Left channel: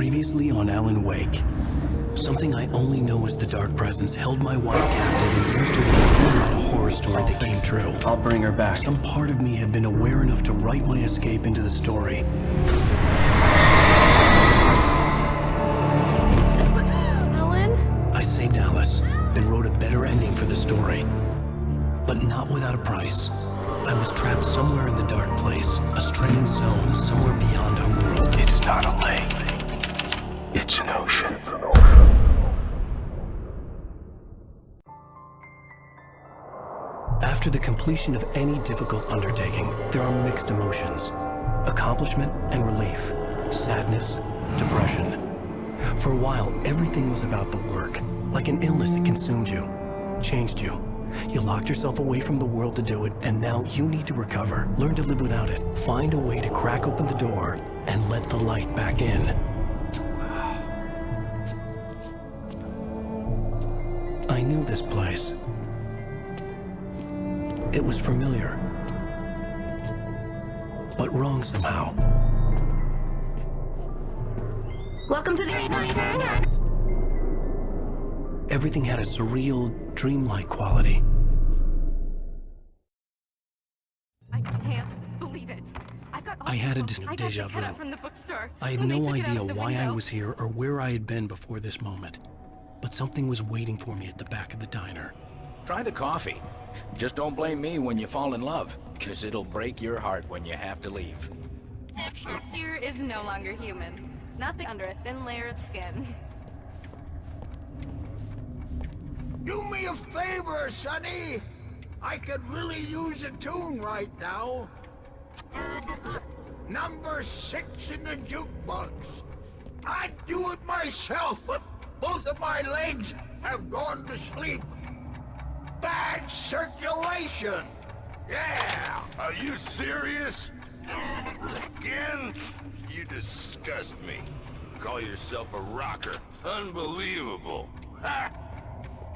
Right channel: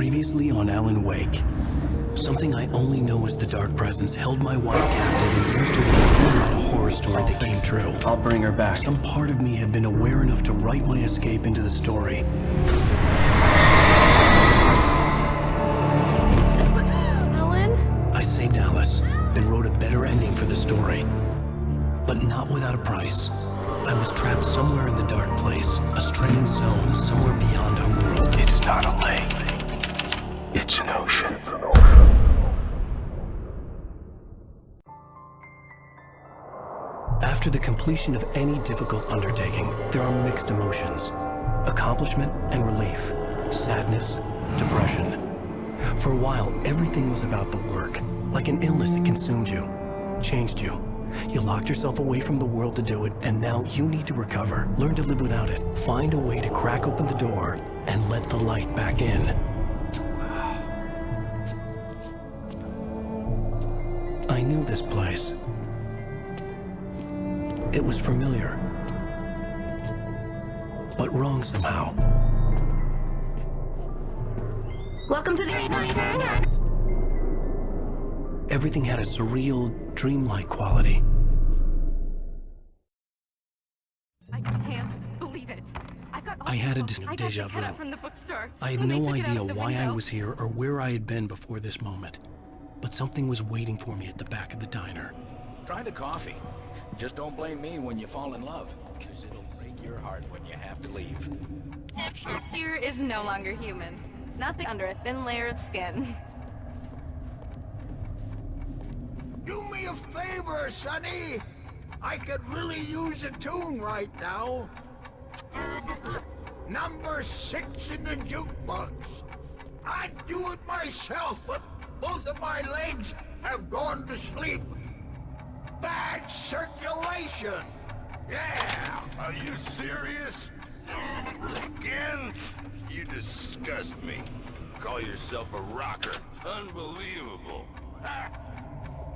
Previously on Alan Wake. Something I only know as the Dark Presence held my wife captive and used her to write a horror story that came true. I'll bring her back. Some part of me had been aware enough to write my escape into the story. Alan? I saved Alice and wrote a better ending for the story. But not without a price. I was trapped somewhere in the dark place, a strange zone somewhere beyond our world. It's not a lake. It's an ocean. After the completion of any difficult undertaking, there are mixed emotions. Accomplishment and relief. Sadness, depression. For a while, everything was about the work. Like an illness, it consumed you, changed you. You locked yourself away from the world to do it, and now you need to recover. Learn to live without it. Find a way to crack open the door and let the light back in. I knew this place. It was familiar, but wrong somehow. Welcome to the... Everything had a surreal, dreamlike quality. I can't believe it. I had a deja vu. I had no idea why I was here or where I had been before this moment. But something was waiting for me at the back of the diner. Try the coffee. Just don't blame me when you fall in love, because it'll break your heart when you have to leave. Here is no longer human. Nothing under a thin layer of skin. Do me a favor, Sonny. I could really use a tune right now. Number 6 in the jukebox. I'd do it myself, but both of my legs have gone to sleep. Bad circulation. Yeah. Are you serious? Again? You disgust me. Call yourself a rocker. Unbelievable. Ha!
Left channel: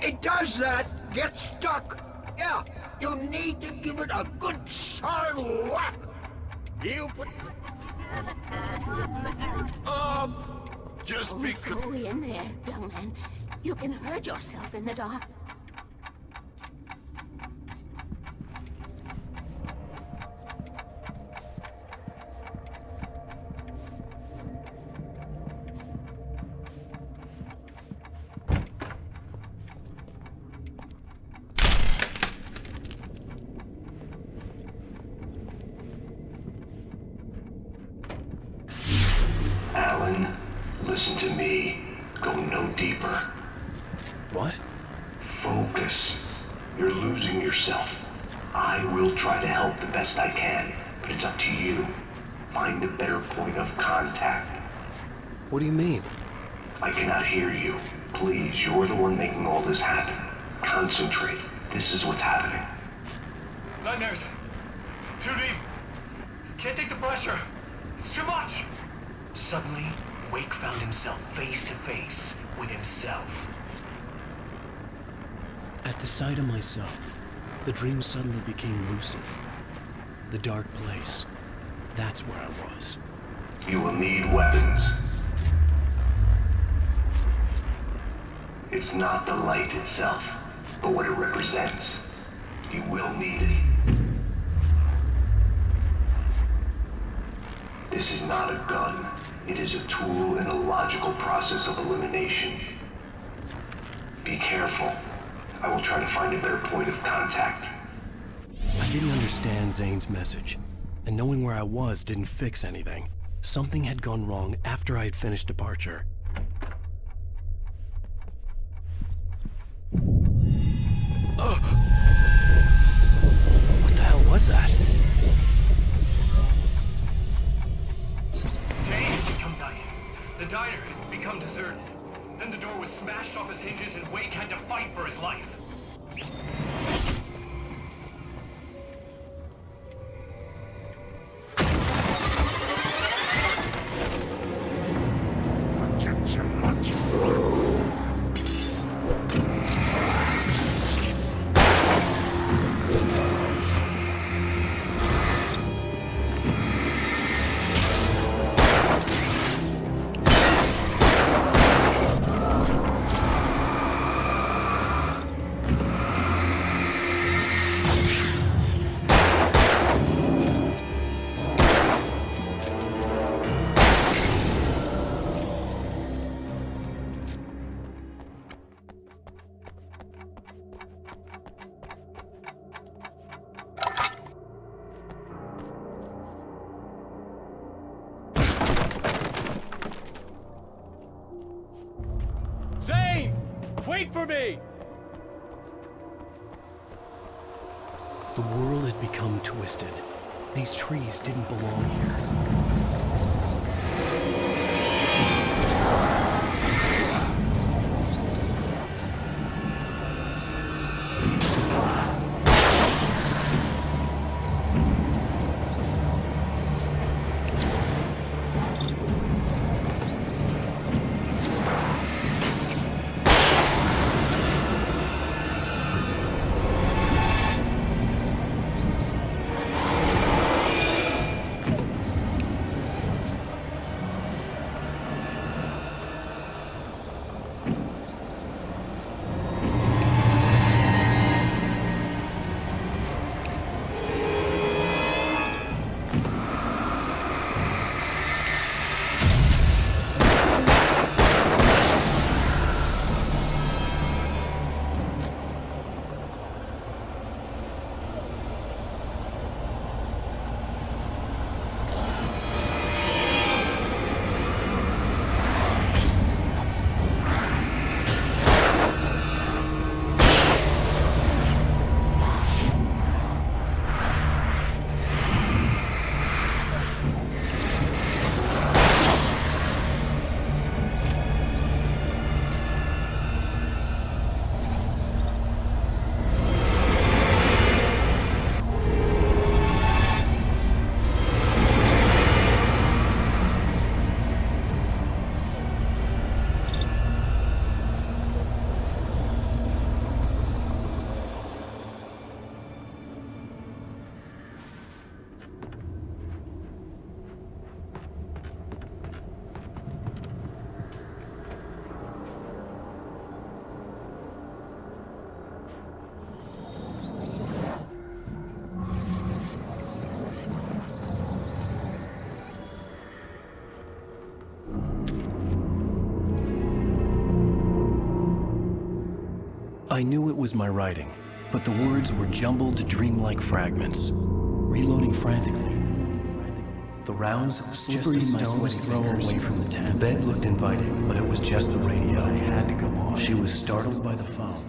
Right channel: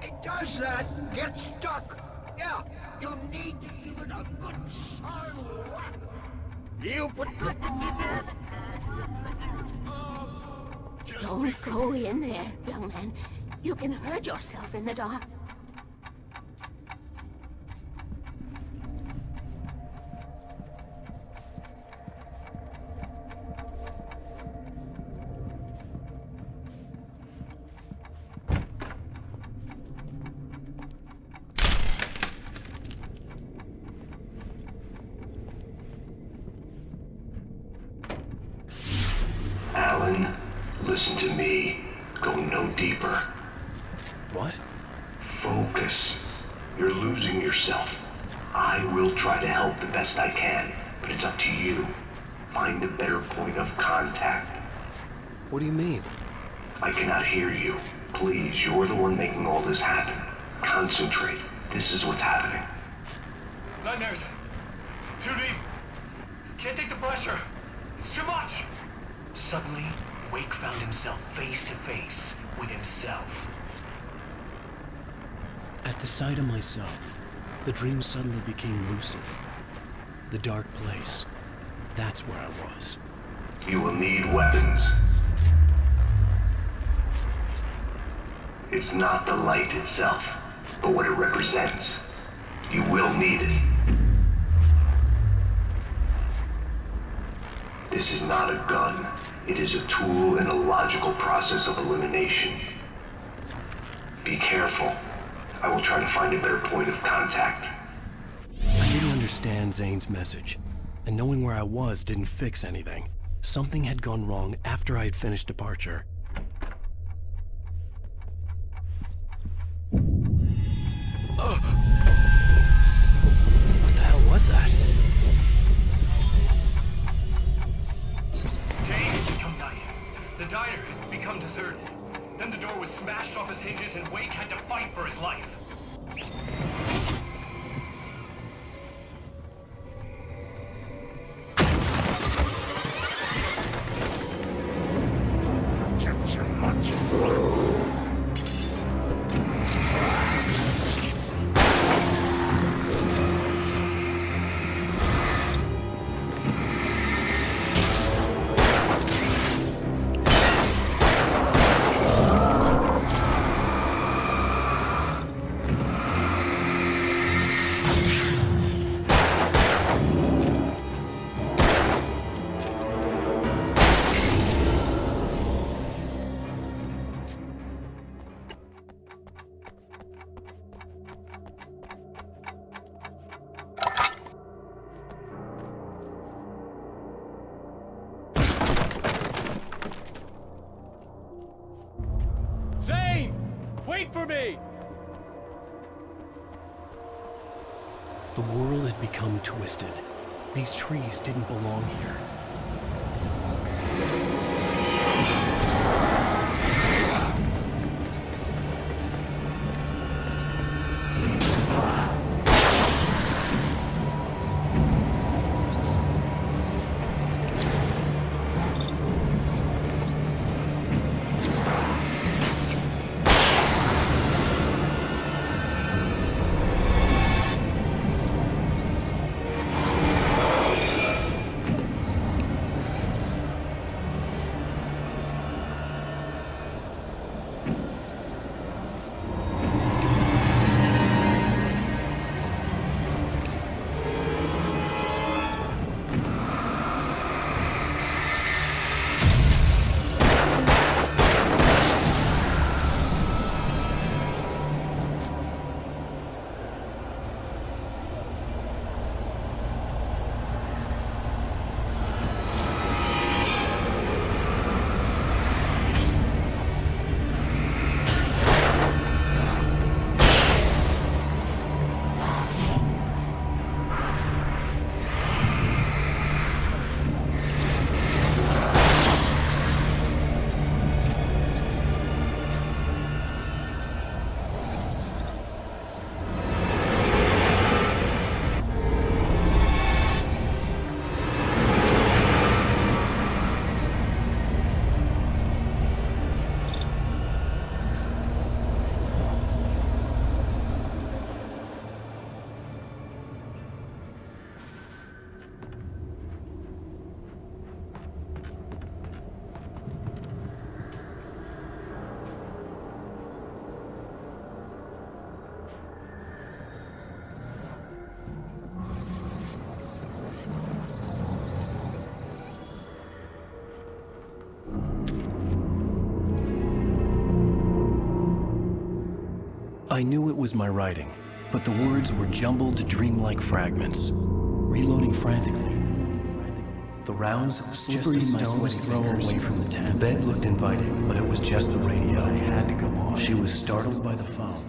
It does that. Get stuck. Yeah, you need to give it a good solid whack. You put... Just Don't go in there, young man. You can hurt yourself in the dark. Alan, listen to me. Go no deeper. What? Focus. You're losing yourself. I will try to help the best I can, but it's up to you. Find a better point of contact. What do you mean? I cannot hear you. Please, you're the one making all this happen. Concentrate. This is what's happening. Nightmares. Too deep. Can't take the pressure. It's too much. Suddenly, Wake found himself face to face with himself. At the sight of myself, the dream suddenly became lucid. The dark place. That's where I was. You will need weapons. It's not the light itself, but what it represents. You will need it. This is not a gun. It is a tool in a logical process of elimination. Be careful. I will try to find a better point of contact. I didn't understand Zane's message, and knowing where I was didn't fix anything. Something had gone wrong after I had finished departure. What the hell was that? Day had become night. The diner had become deserted. Then the door was smashed off its hinges and Wake had to fight for his life. Forget your lunch breaks. Wait for me! The world had become twisted. These trees didn't belong here. I knew it was my writing, but the words were jumbled, dreamlike fragments. Reloading frantically. The rounds slippery stones throw away from the tent. The bed looked inviting, but it was just the radio. I had to go on. She was startled by the phone.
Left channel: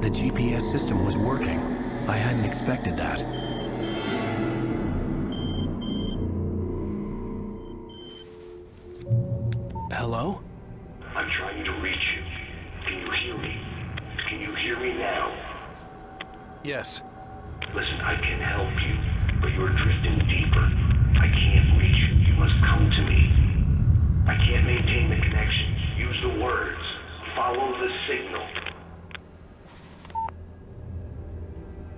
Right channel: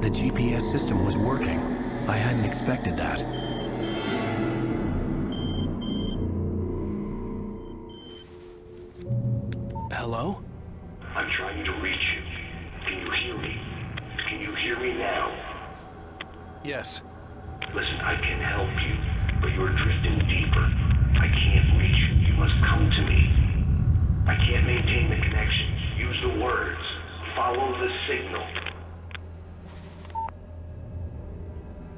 The GPS system was working. I hadn't expected that. Hello? I'm trying to reach you. Can you hear me? Can you hear me now? Yes. Listen, I can help you, but you're drifting deeper. I can't reach you. You must come to me. I can't maintain the connection. Use the words. Follow the signal.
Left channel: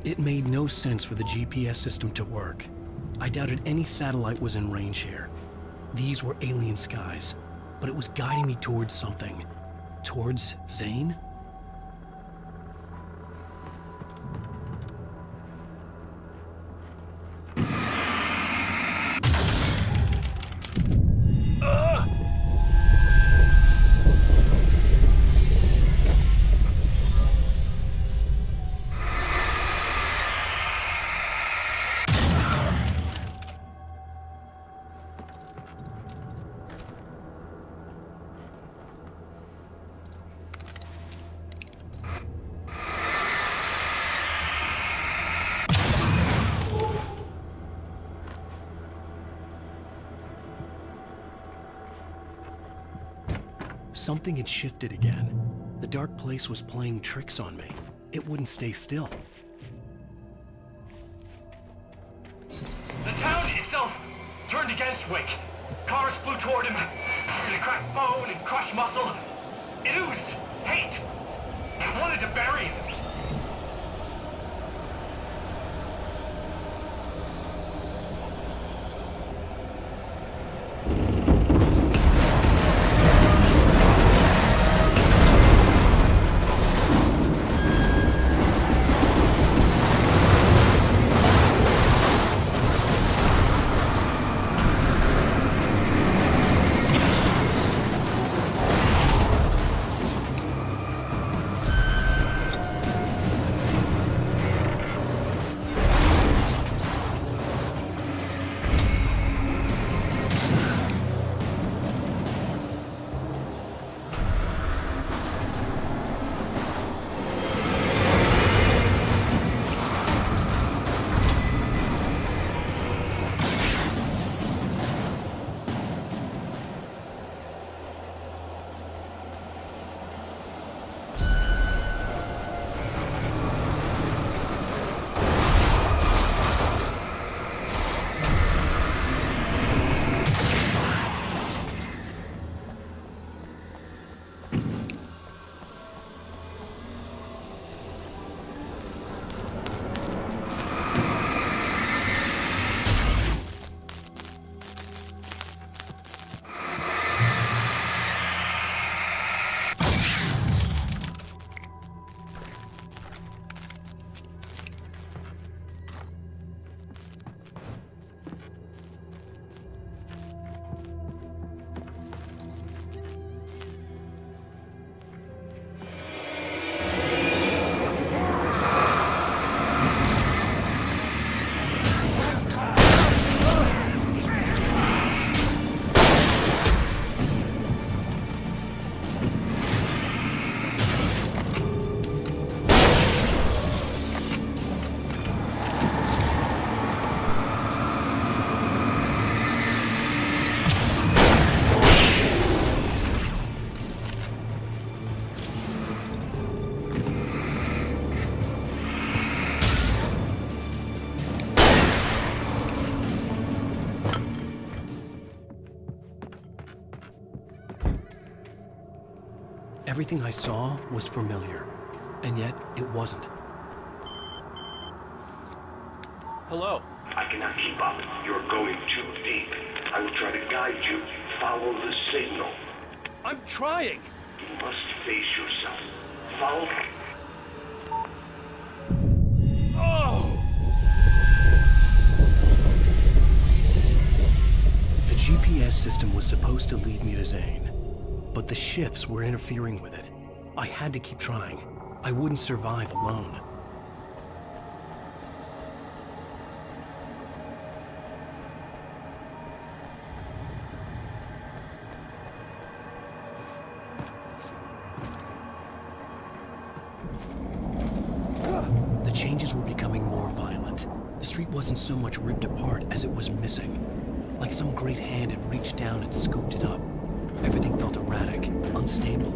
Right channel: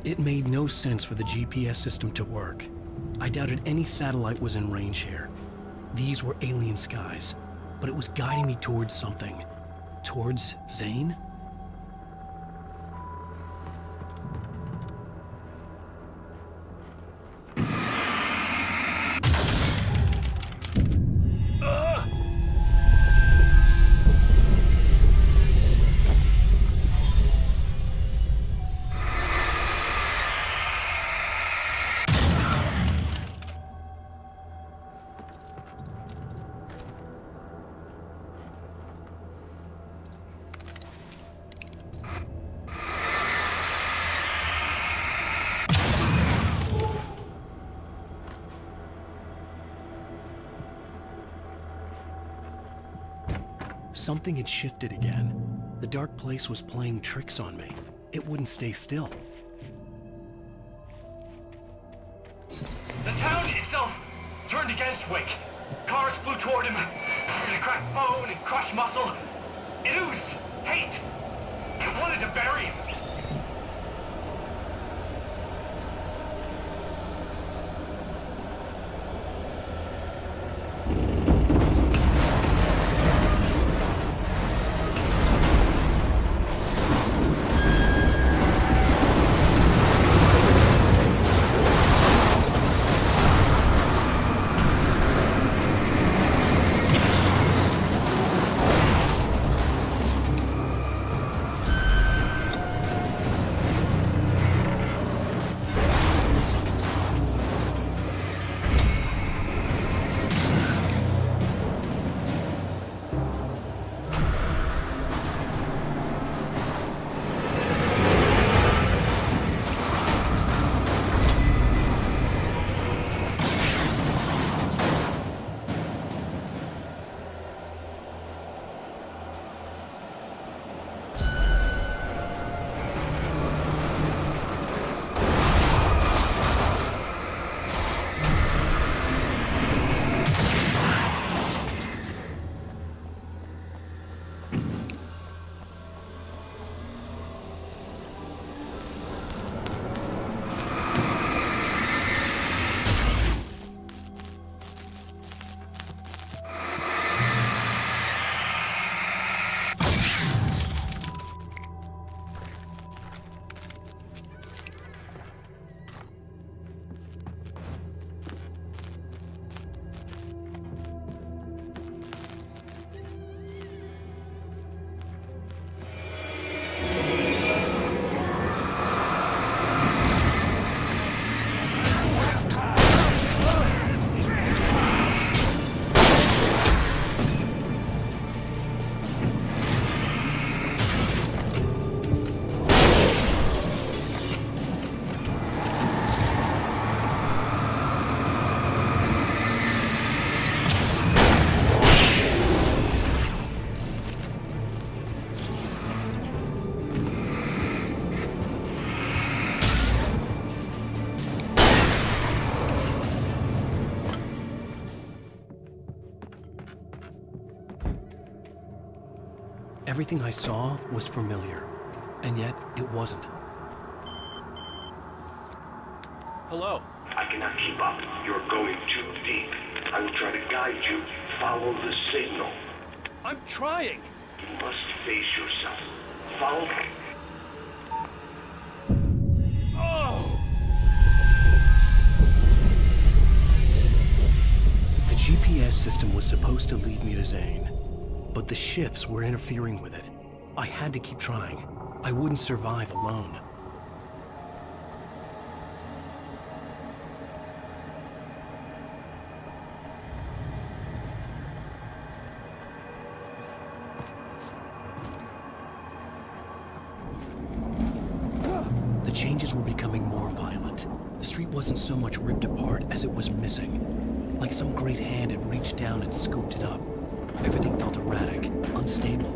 It made no sense for the GPS system to work. I doubted any satellite was in range here. These were alien skies, but it was guiding me towards something. Towards Zane? Something had shifted again. The dark place was playing tricks on me. It wouldn't stay still. The town itself turned against Wake. Cars flew toward him. They cracked bone and crushed muscle. It oozed hate. It wanted to bury him. Everything I saw was familiar, and yet it wasn't. Hello? I cannot keep up. You're going too deep. I will try to guide you. Follow the signal. I'm trying! You must face yourself. Follow me. Oh! The GPS system was supposed to lead me to Zane, but the shifts were interfering with it. I had to keep trying. I wouldn't survive alone. The changes were becoming more violent. The street wasn't so much ripped apart as it was missing. Like some great hand had reached down and scooped it up. Everything felt erratic, unstable.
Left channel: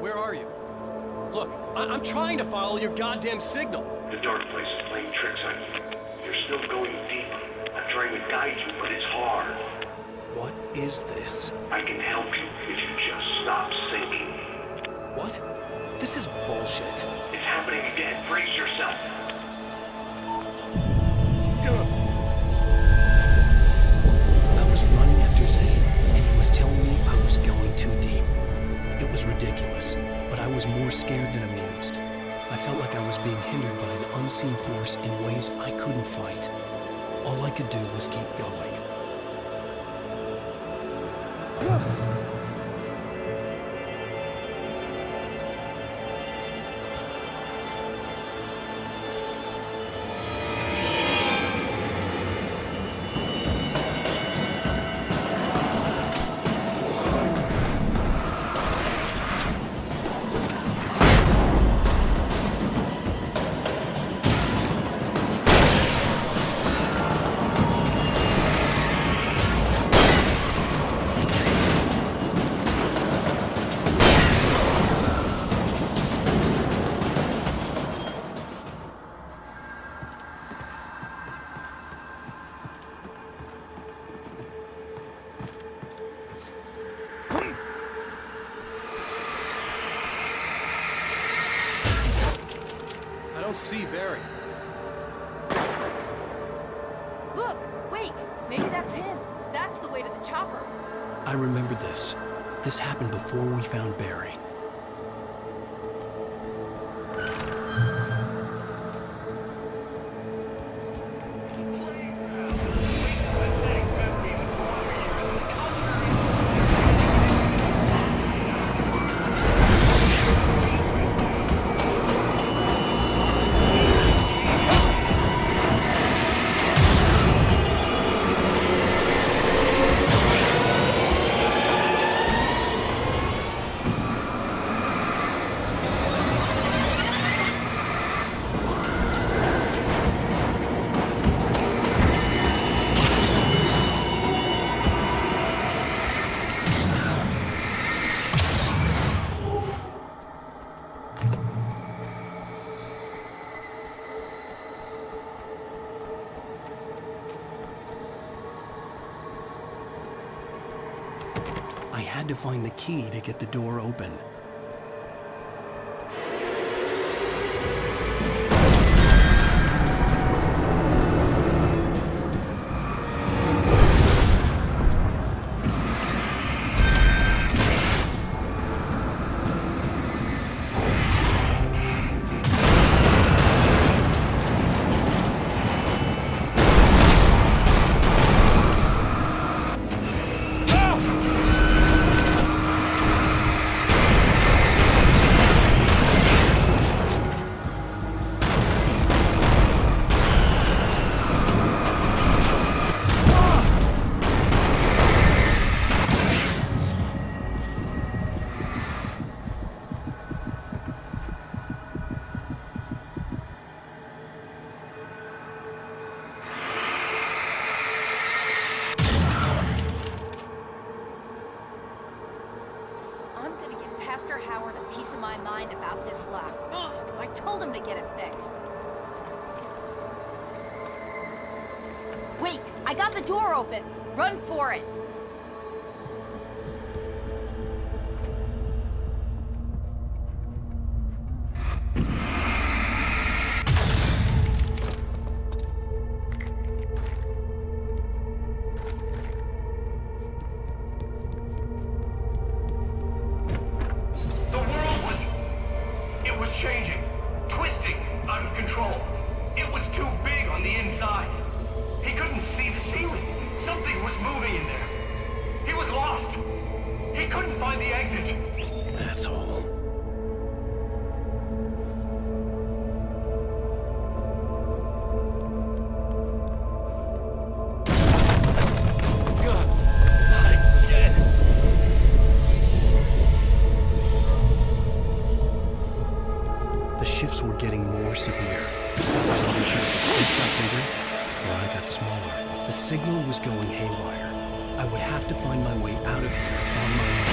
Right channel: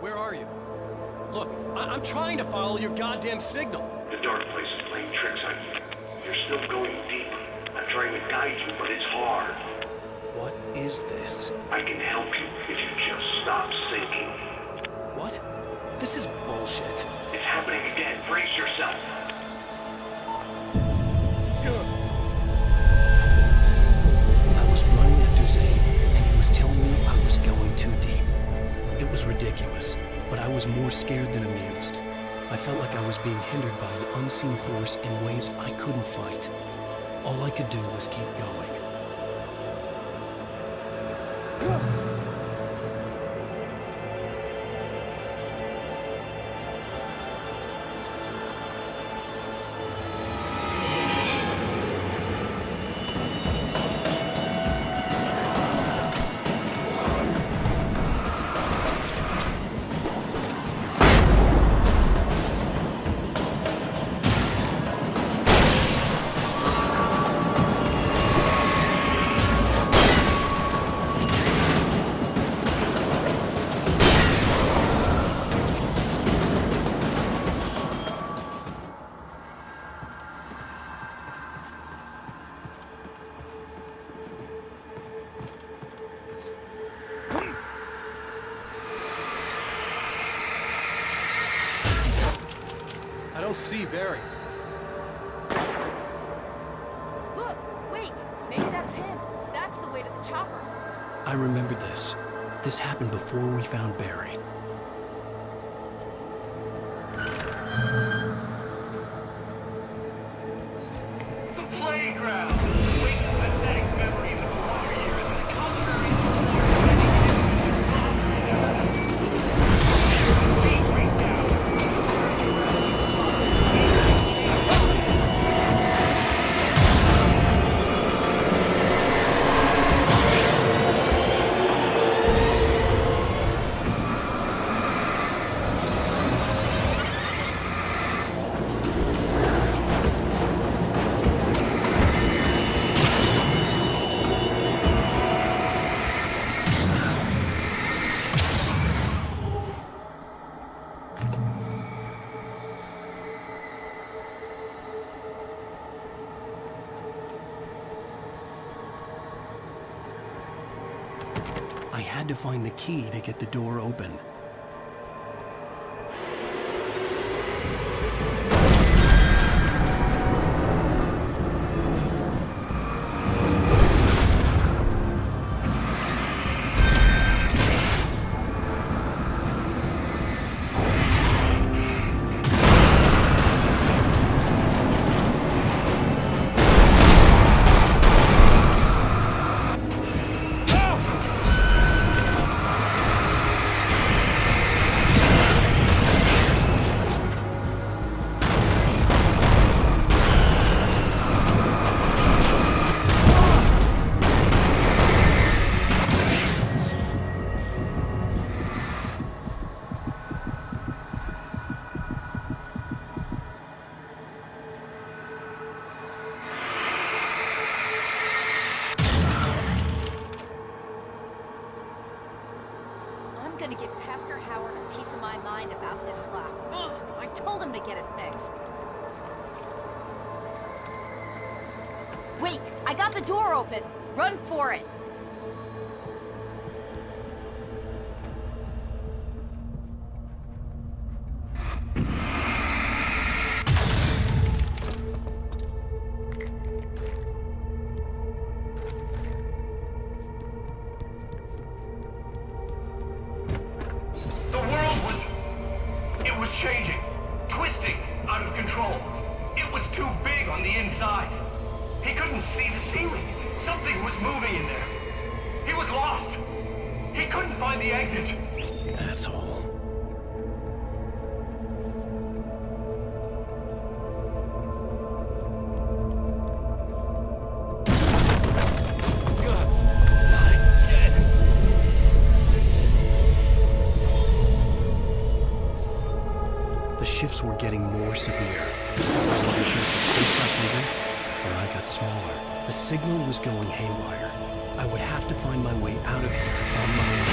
Where are you? Look, I'm trying to follow your goddamn signal. The dark place is playing tricks on you. You're still going deeper. I'm trying to guide you, but it's hard. What is this? I can help you if you just stop sinking. What? This is bullshit. It's happening again. Brace yourself. I was running after Zane, and he was telling me I was going too deep. It was ridiculous, but I was more scared than amused. I felt like I was being hindered by an unseen force in ways I couldn't fight. All I could do was keep going. don't see Barry. Look! Wake! Maybe that's him. That's the way to the chopper. I remembered this. This happened before we found Barry. The playground. Wake's pathetic memories of the Wonder Years and the contrary to the Wait right now. I had to find the key to get the door open. I'm gonna give Pastor Howard a piece of my mind about this lock. Ugh, I told him to get it fixed. Wake! I got the door open! Run for it! It was changing, twisting, out of control. It was too big on the inside. He couldn't see the ceiling. Something was moving in there. He was lost. He couldn't find the exit. Asshole. The shifts were getting more severe. I wasn't sure if the place got bigger or I got smaller. The signal was going haywire. I would have to find my way out of here on my own.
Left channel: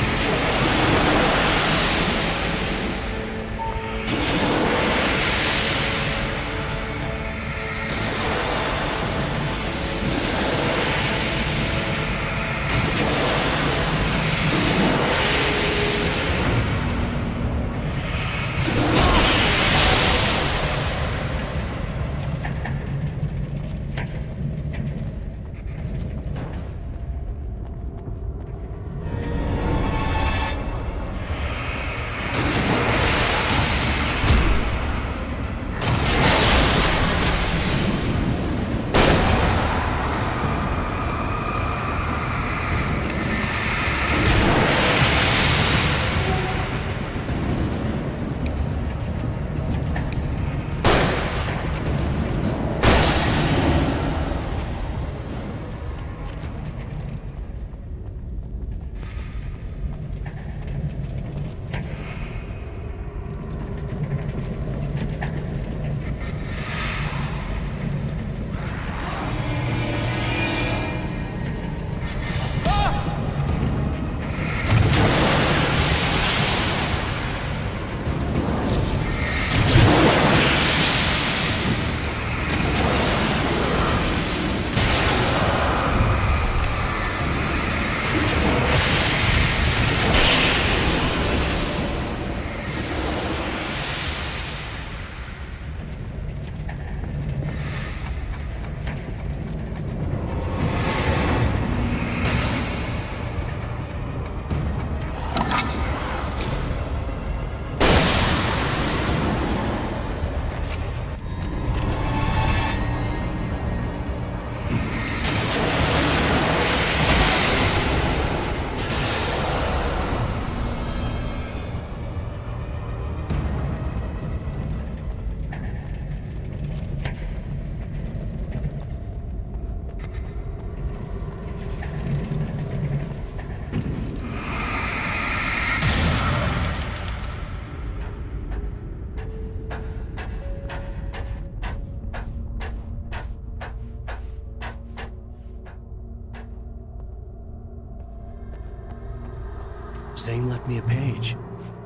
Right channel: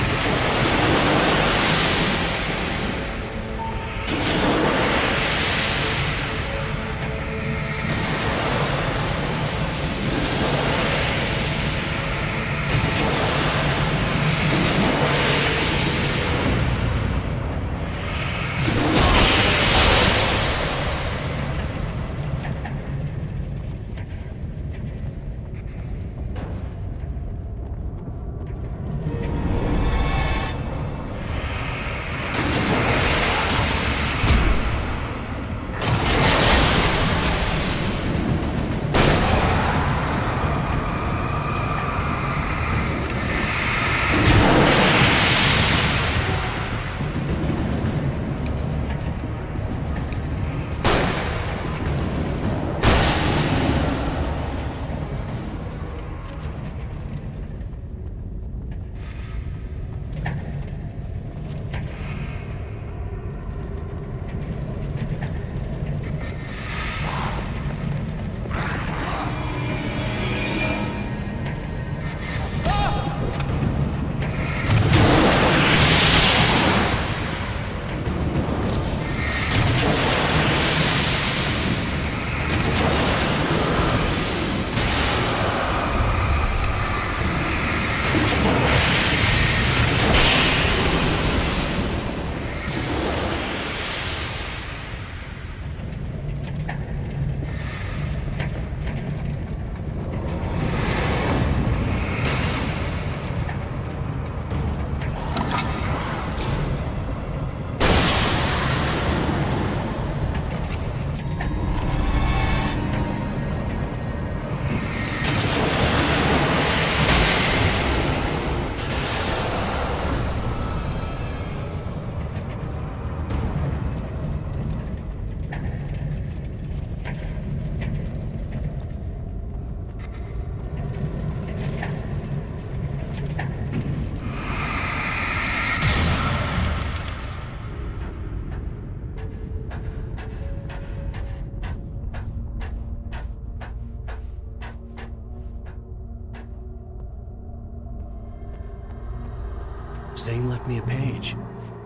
Zane left me a page.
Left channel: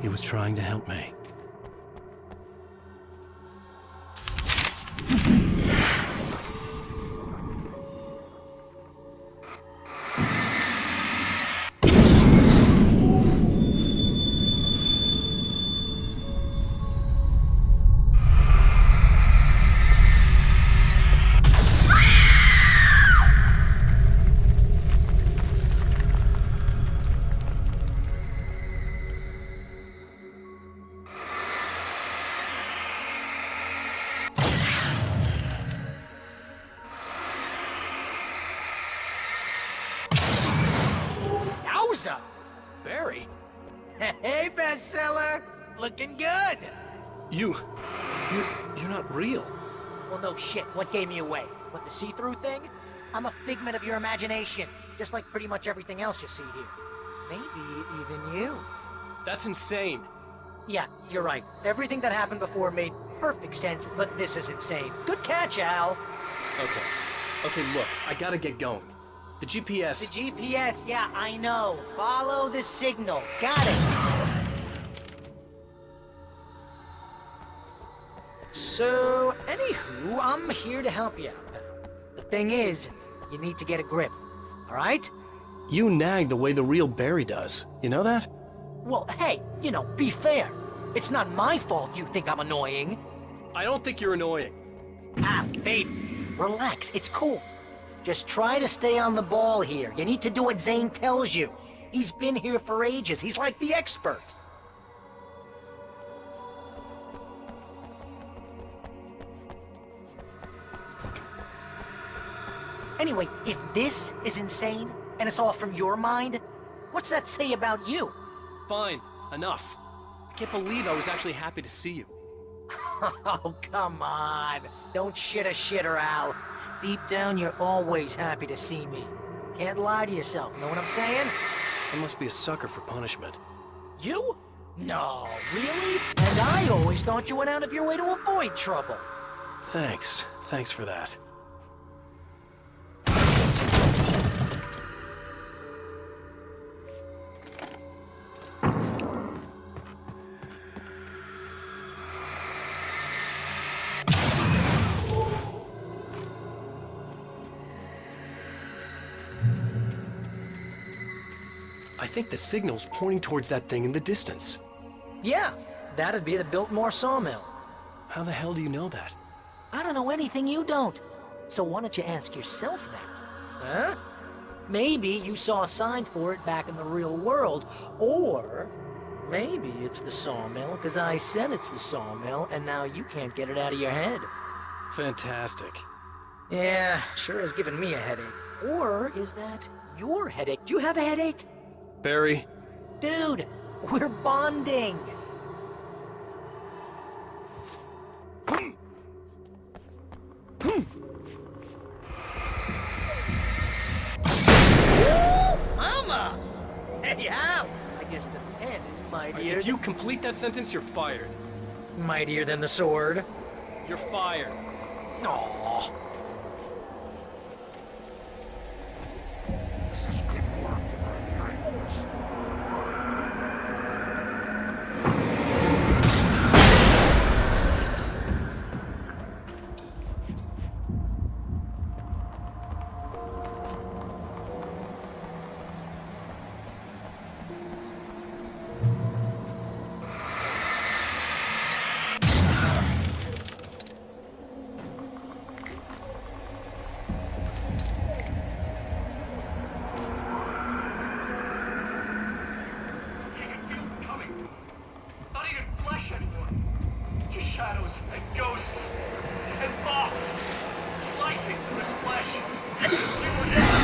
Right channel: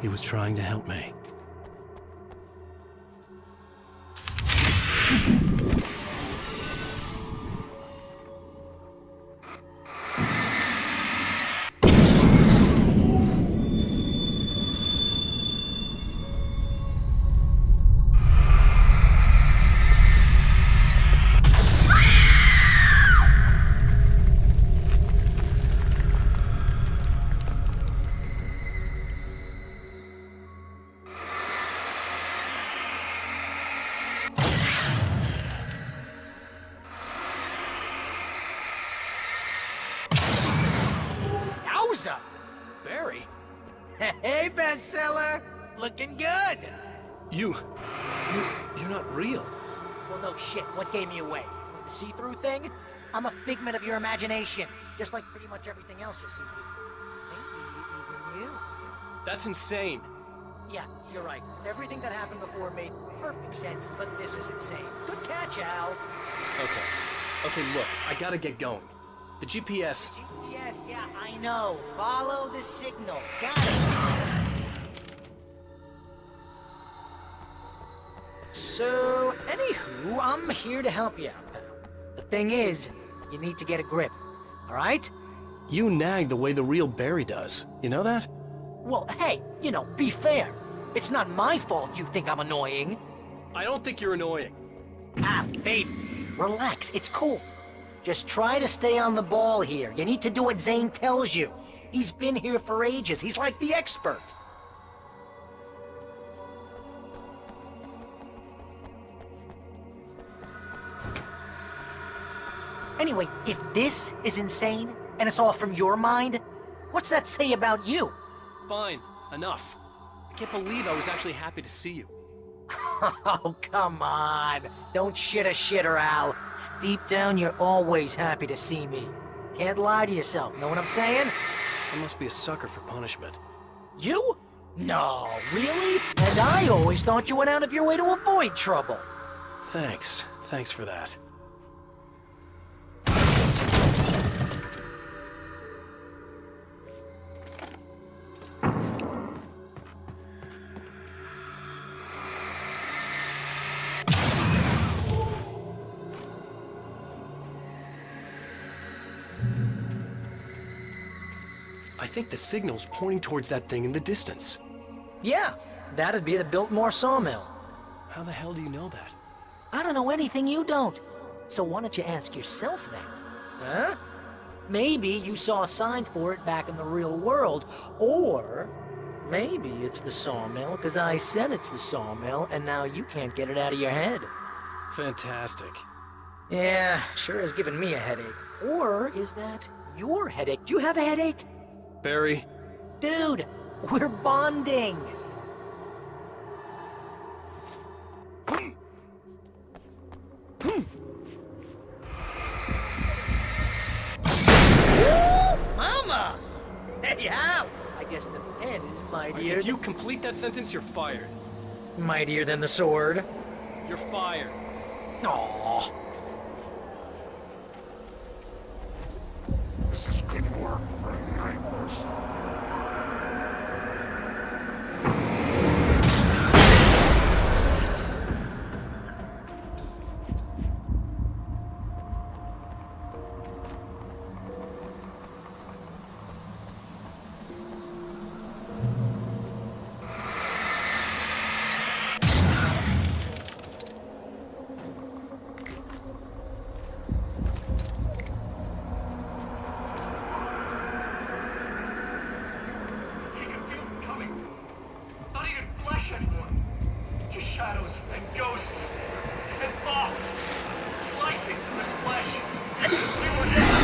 He was trying to help me. Yowza! Barry? Hey, bestseller! Looking good! You're not real. Well, no shit. What gave me away? What, the see-through thing? I'm a figment of your imagination, just like pretty much everything else you see here. Maybe even you. That's insane. Yeah, you're right. Everything that happened before made perfect sense, but this is insane. Good catch, Al. Okay. Okay, look, I gotta get going. The GPS... The GPS, yeah, I know. Follow the signal. Got it. So, anywho, I'm here to help you out, pal. The thing is, you need to get a grip, all right? You nag the way the real Barry does. You know that? Well, hey, you know, be fair. It's not my fault you think I'm annoying. I don't think you're annoying. Ah, baby, relax, it's cool. Just try to stay on the ball here. You need to do what Zane tells you. He's been here for ages. He's like the expert. Anyway, if this is insane, and it's all from your mind, what's that say about you? Fine, enough. I can't believe I was actually happy to see you. Oh, come on. Don't shit a shitter, Al. Deep down, you're always happy to see me. Can't lie to yourself, know what I'm saying? I must be a sucker for punishment. You? No, really? And I always thought you went out of your way to avoid trouble. Thanks. Thanks for that. I think the signal's pointing towards that thing in the distance. Yeah, that'd be the Biltmore sawmill. How the hell do you know that? I don't know anything you don't. So why don't you ask yourself that? Huh? Maybe you saw a sign for it back in the real world, or maybe it's the sawmill because I said it's the sawmill and now you can't get it out of your head. Fantastic. Yeah, sure has given me a headache. Or is that your headache? Do you have a headache? Barry? Dude, we're bonding. Mama! Hey, Al! I guess the pen is mightier. If you complete that sentence, you're fired. Mightier than the sword. You're fired. Aww. This is good work for a nameless. Anymore. Just shadows and ghosts and thoughts slicing through his flesh. We were dead.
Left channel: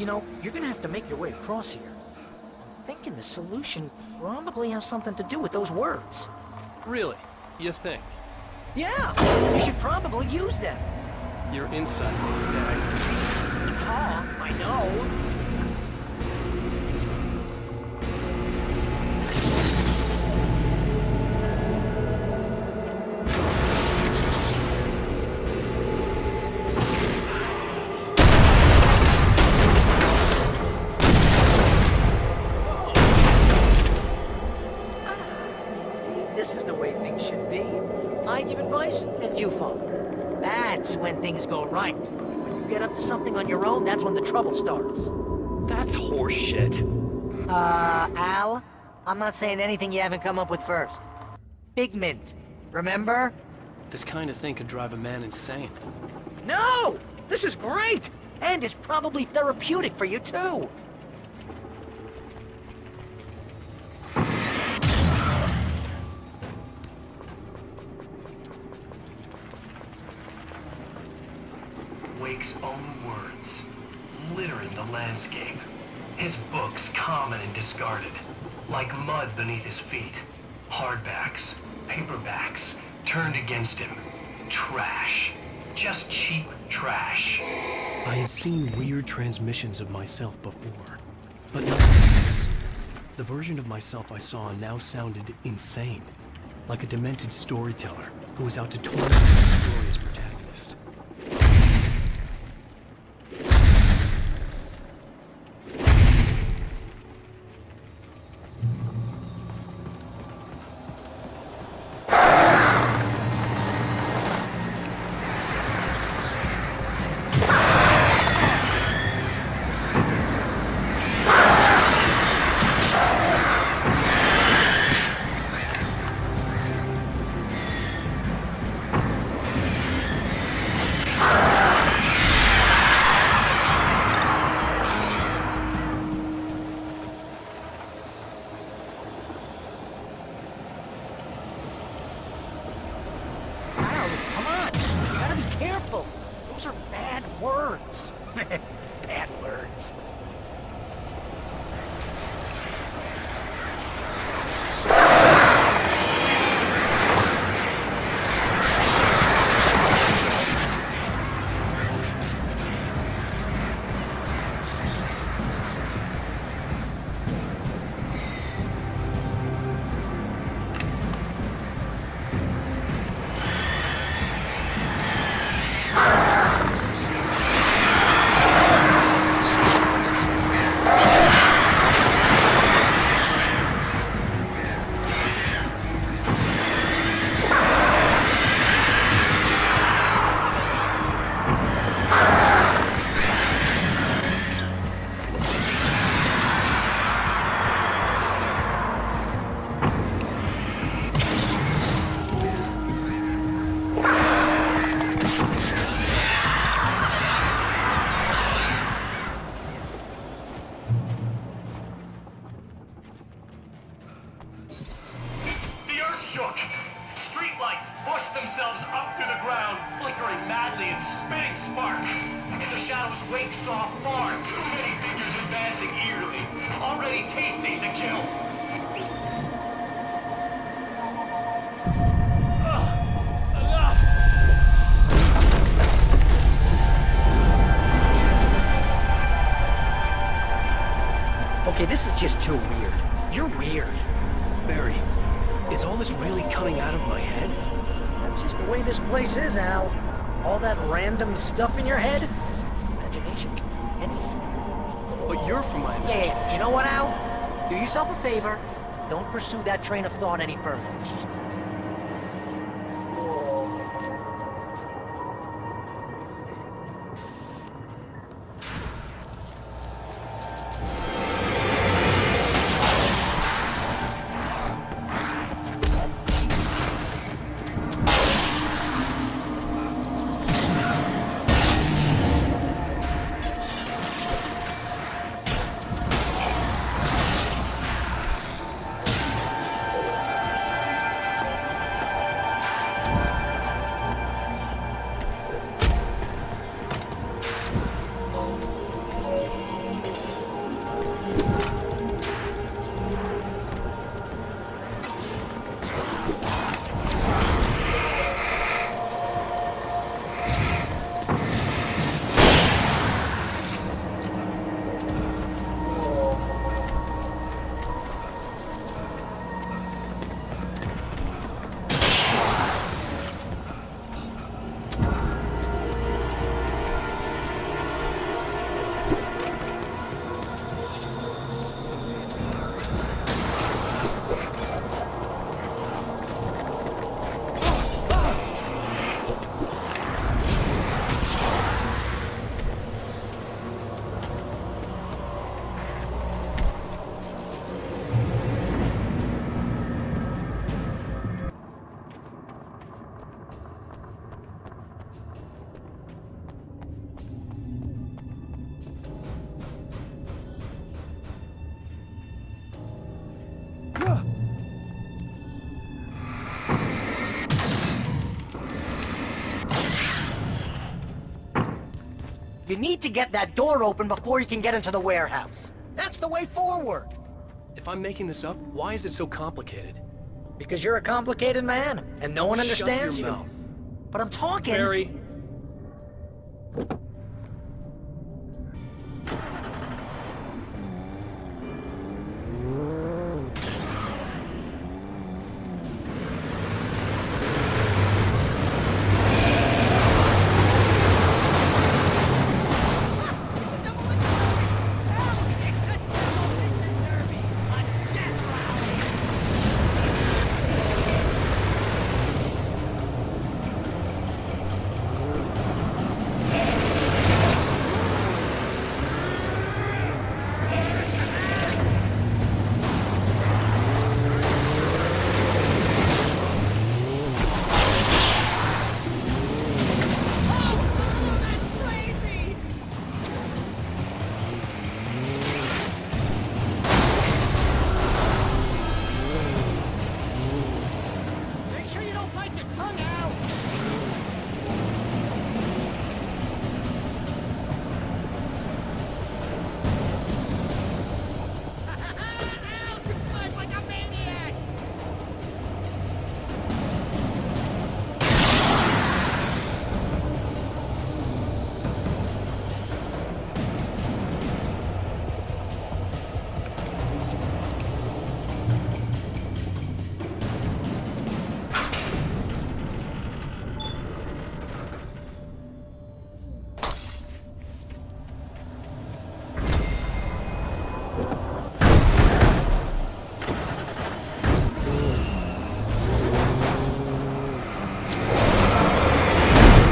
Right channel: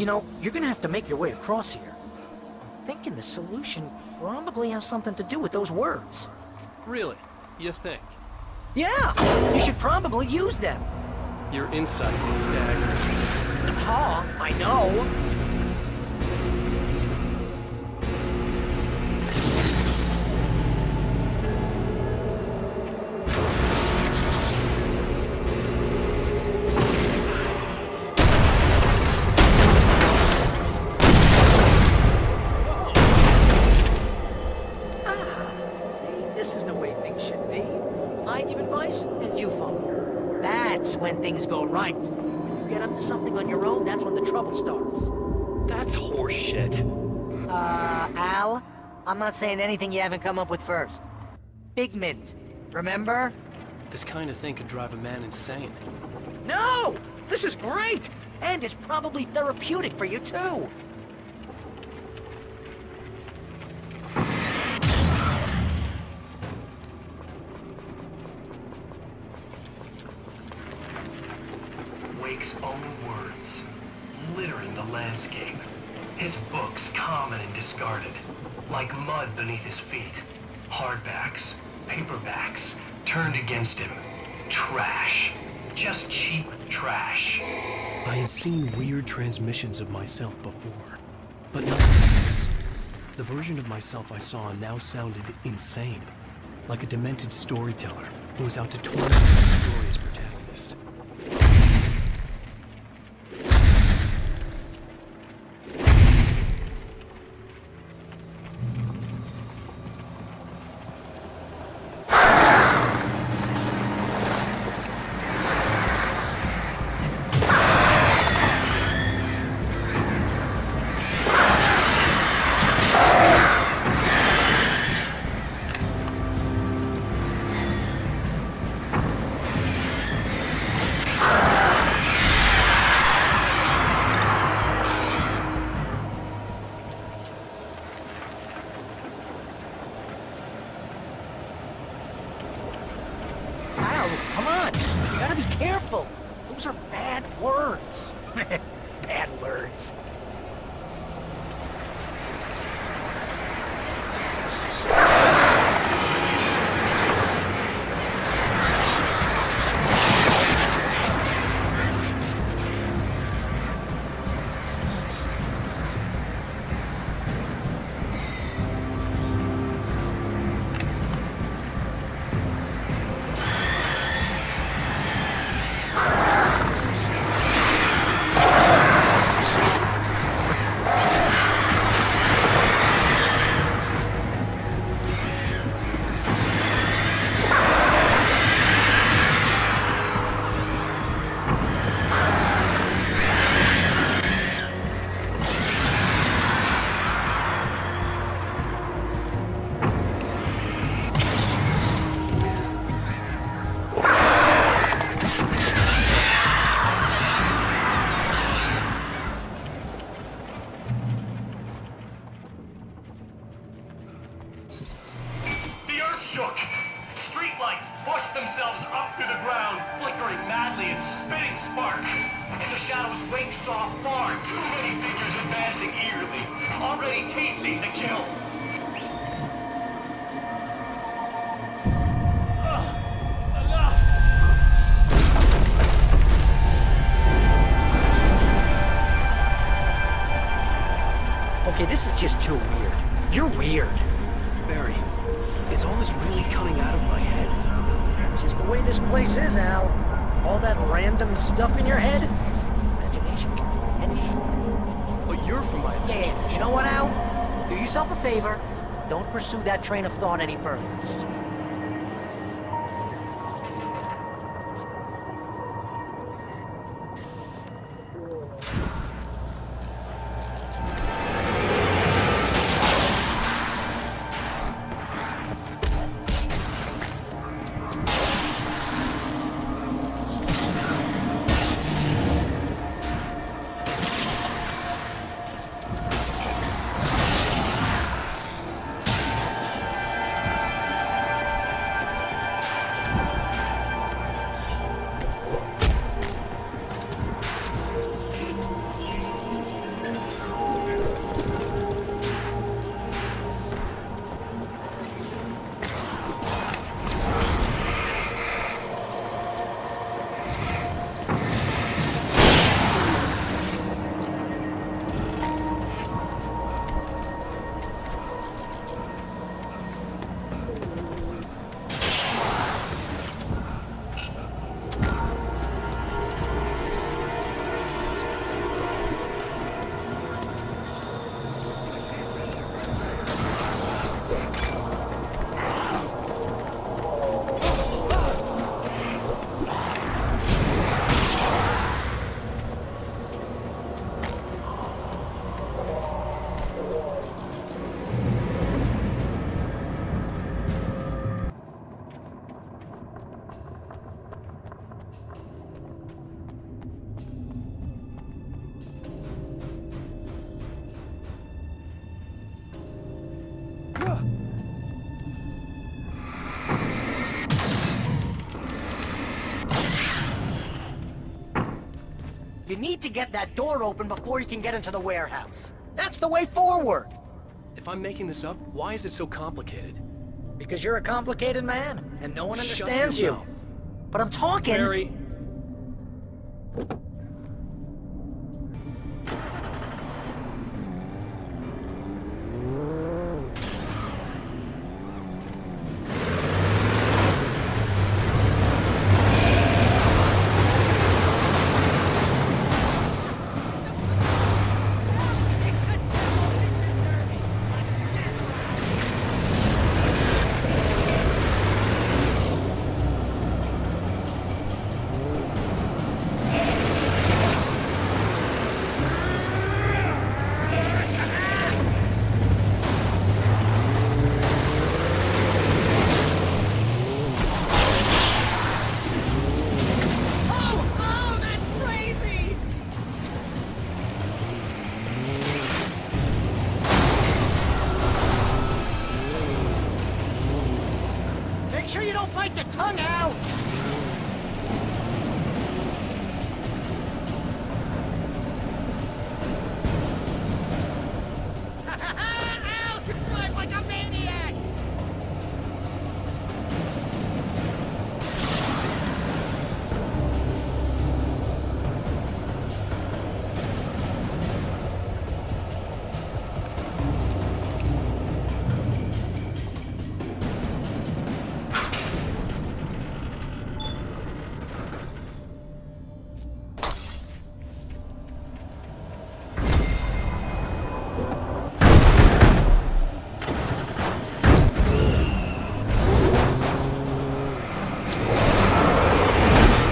You know, you're gonna have to make your way across here. I'm thinking the solution probably has something to do with those words. Really? You think? Yeah! You should probably use them. Your insight is staggering. Huh? I know. This is the way things should be. I give advice, and you follow. That's when things go right. When you get up to something on your own, that's when the trouble starts. That's horseshit. Al? I'm not saying anything you haven't come up with first. Figment. Remember? This kind of thing could drive a man insane. No! This is great! And it's probably therapeutic for you, too. Wake's own words, littering the landscape. His books common and discarded, like mud beneath his feet. Hardbacks, paperbacks, turned against him. Trash. Just cheap trash. I had seen weird transmissions of myself before, but not like this. The version of myself I saw now sounded insane, like a demented storyteller who was out to torment his story's protagonist. Careful! Those are bad words. Bad words. Shook. Streetlights pushed themselves up through the ground, flickering madly and spitting spark. In the shadows, Wake saw far too many figures advancing eagerly, already tasting the kill. Enough! Okay, this is just too weird. You're weird. Barry, is all this really coming out of my head? That's just the way this place is, Al. All that random stuff in your head? Imagination can be anything. But you're from my imagination. Yeah, you know what, Al? Do yourself a favor. Don't pursue that train of thought any further. You need to get that door open before you can get into the warehouse. That's the way forward. If I'm making this up, why is it so complicated? Because you're a complicated man, and no one Shut understands your you. mouth. But I'm talking... Barry. Make sure you don't bite the tongue out! Al, you drive like a maniac!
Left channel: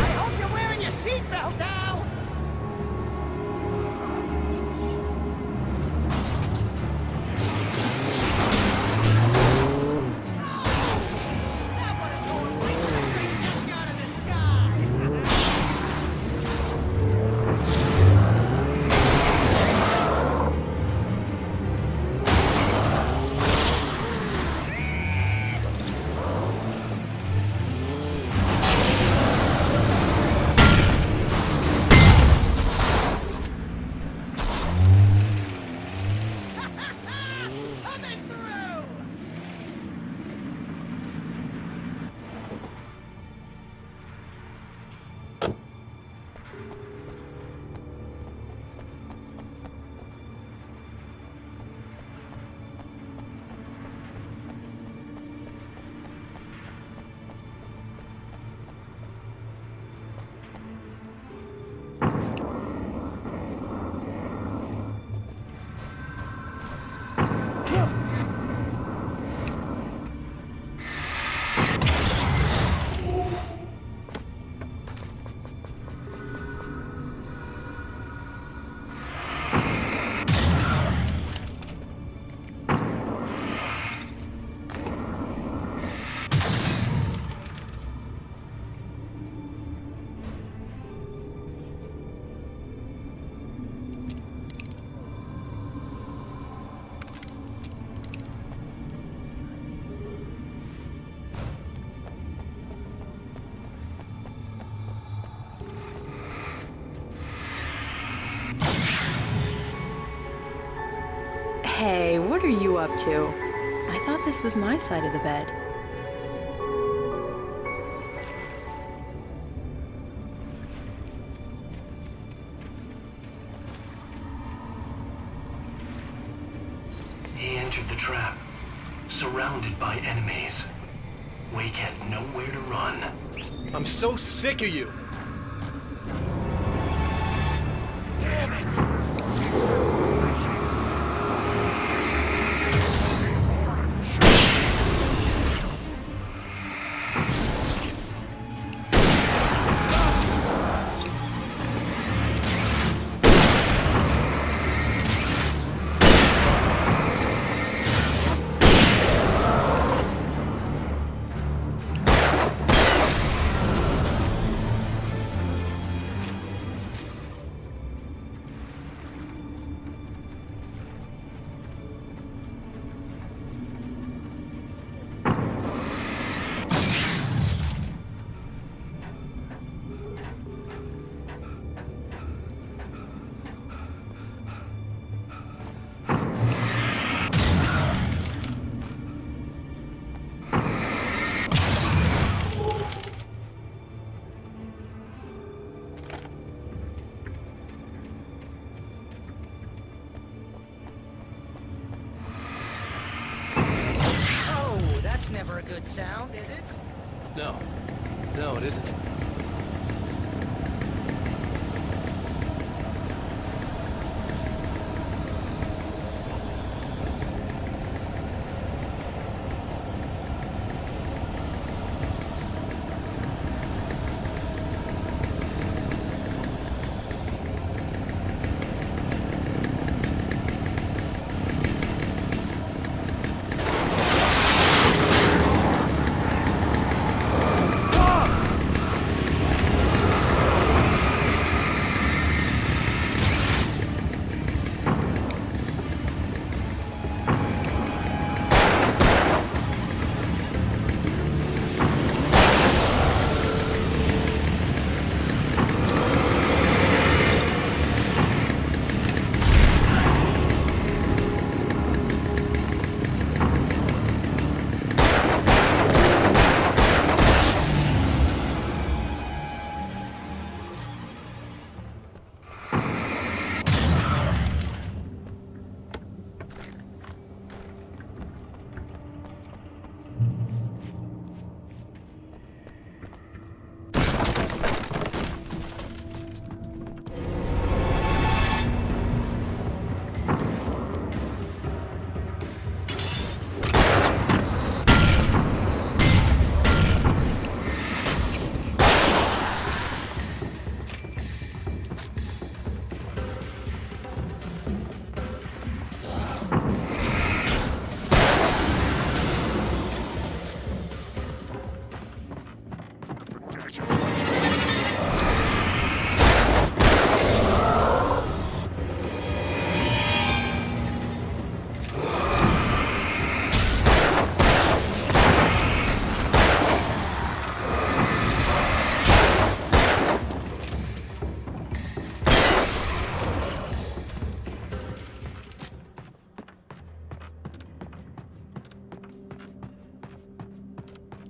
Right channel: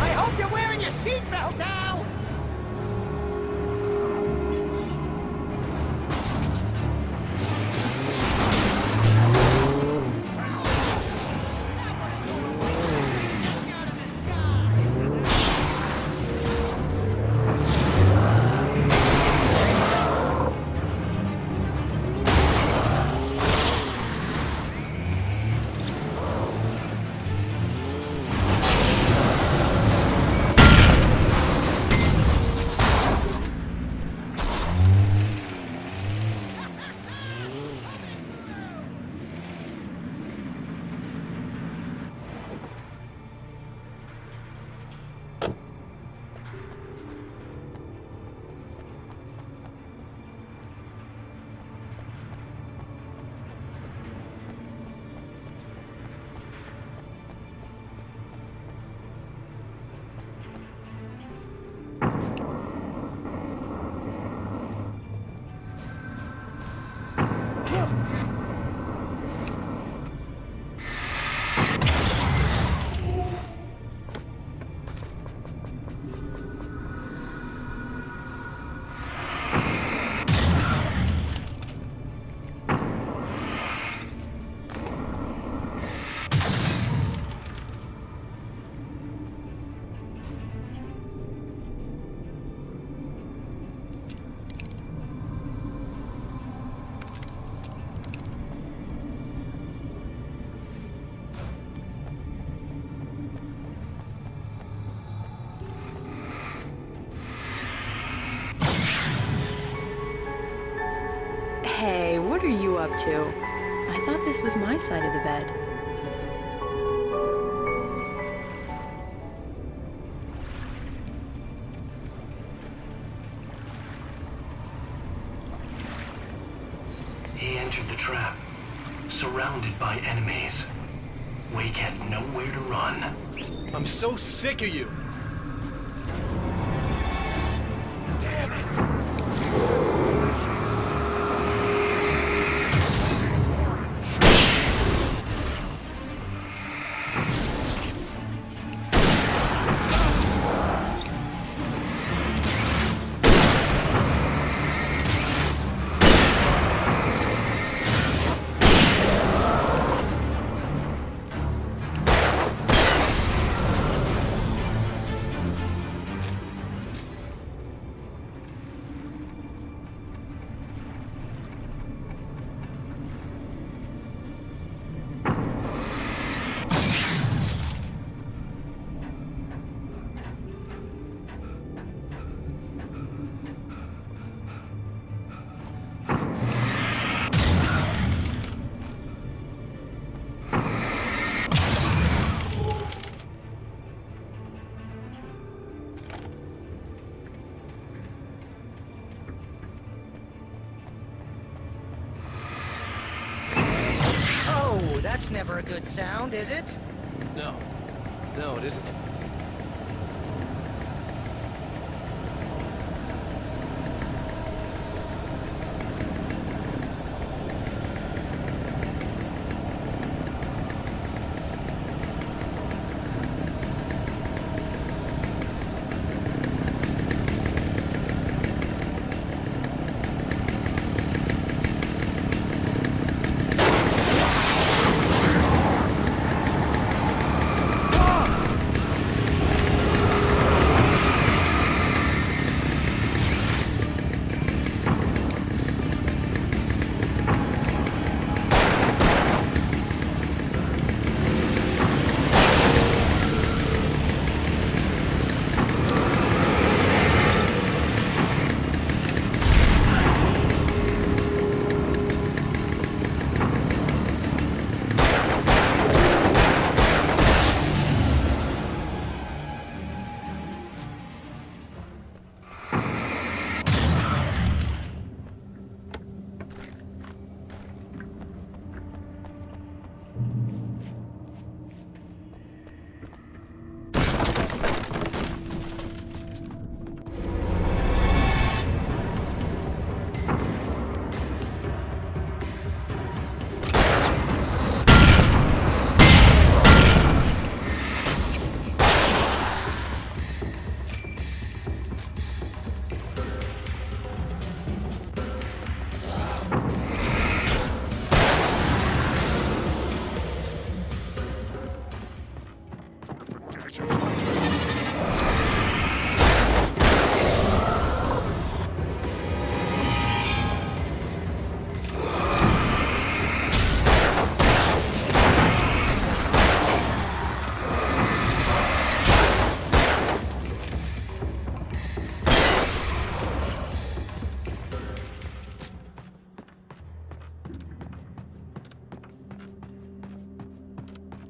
I hope you're wearing your seatbelt, Al! That one is going way back. Look out of the sky! Coming through! Hey, what are you up to? I thought this was my side of the bed. He entered the trap, surrounded by enemies. Wake had nowhere to run. I'm so sick of you. Damn it! never a good sound, is it? No. No, it isn't.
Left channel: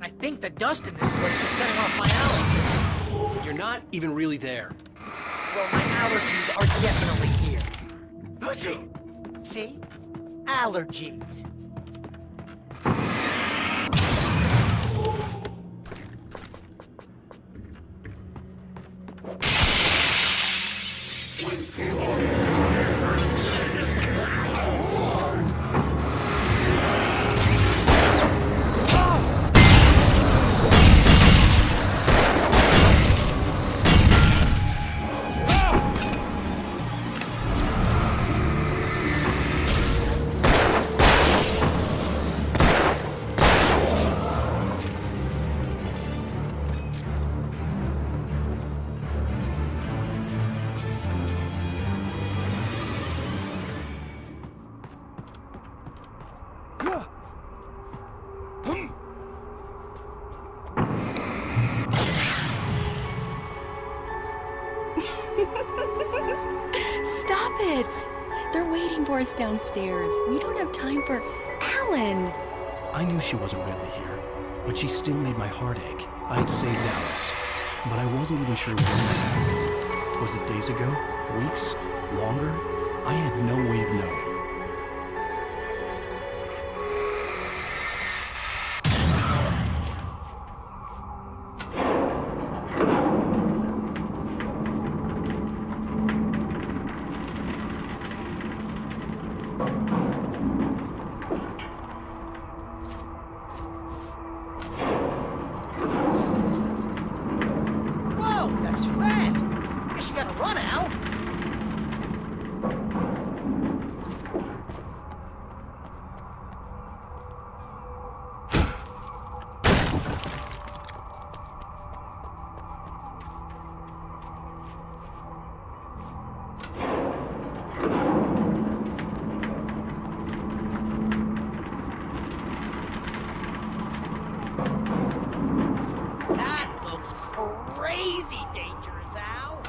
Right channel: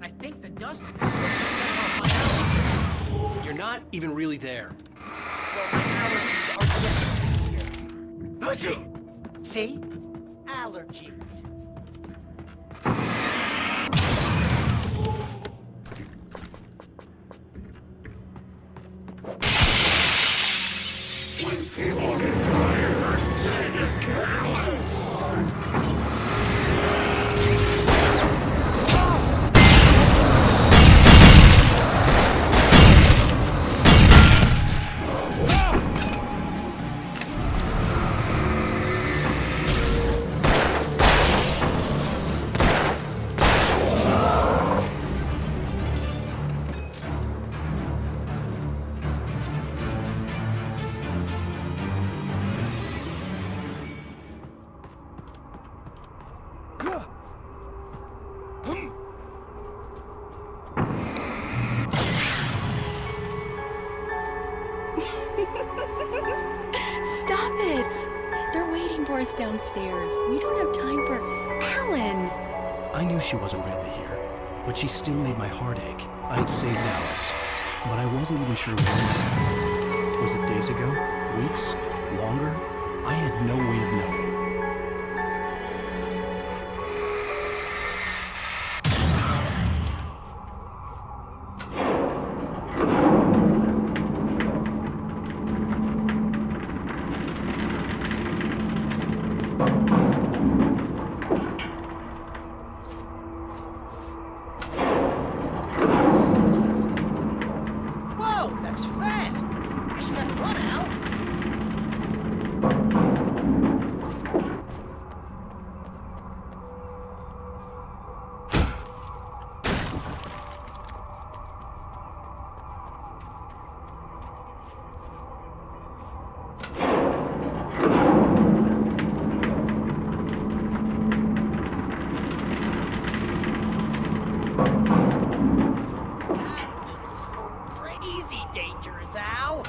I think the dust in this place is setting off my allergies. You're not even really there. Well, my allergies are definitely here. Achoo! See? Allergies. When people get tired, they get careless. Stop it! They're waiting for us downstairs. We don't have time for Alan. I knew she wasn't really here, but she still made my heart ache. I had saved Alice, but I wasn't even sure when that happened. Was it days ago? Weeks? Longer? I had no way of knowing. Whoa, that's fast! Guess you gotta run, Al. That looks crazy dangerous, Al.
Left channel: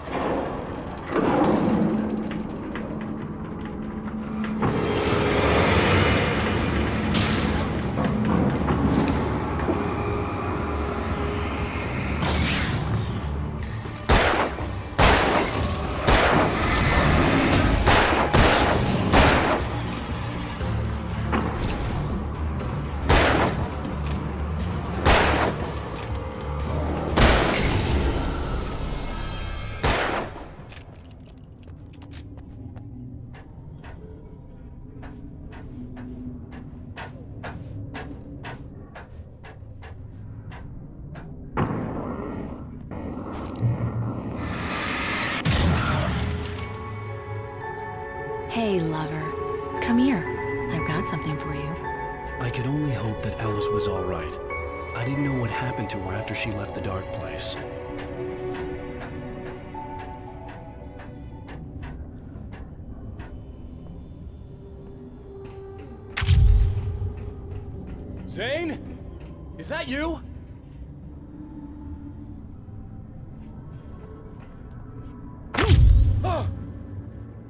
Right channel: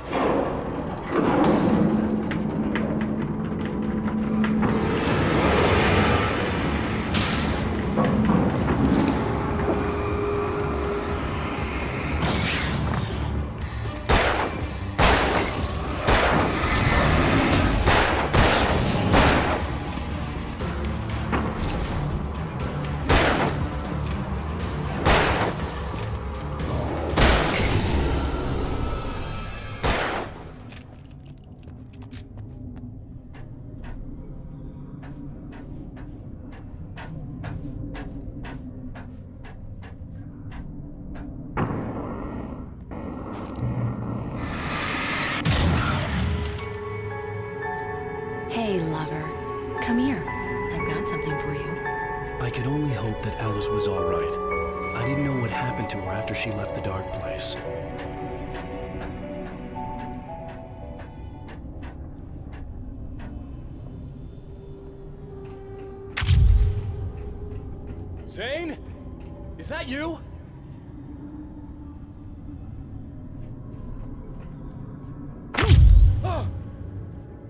Hey, lover. Come here. I've got something for you. I could only hope that Alice was all right. I didn't know what happened to her after she left the dark place. Zane? Is that you?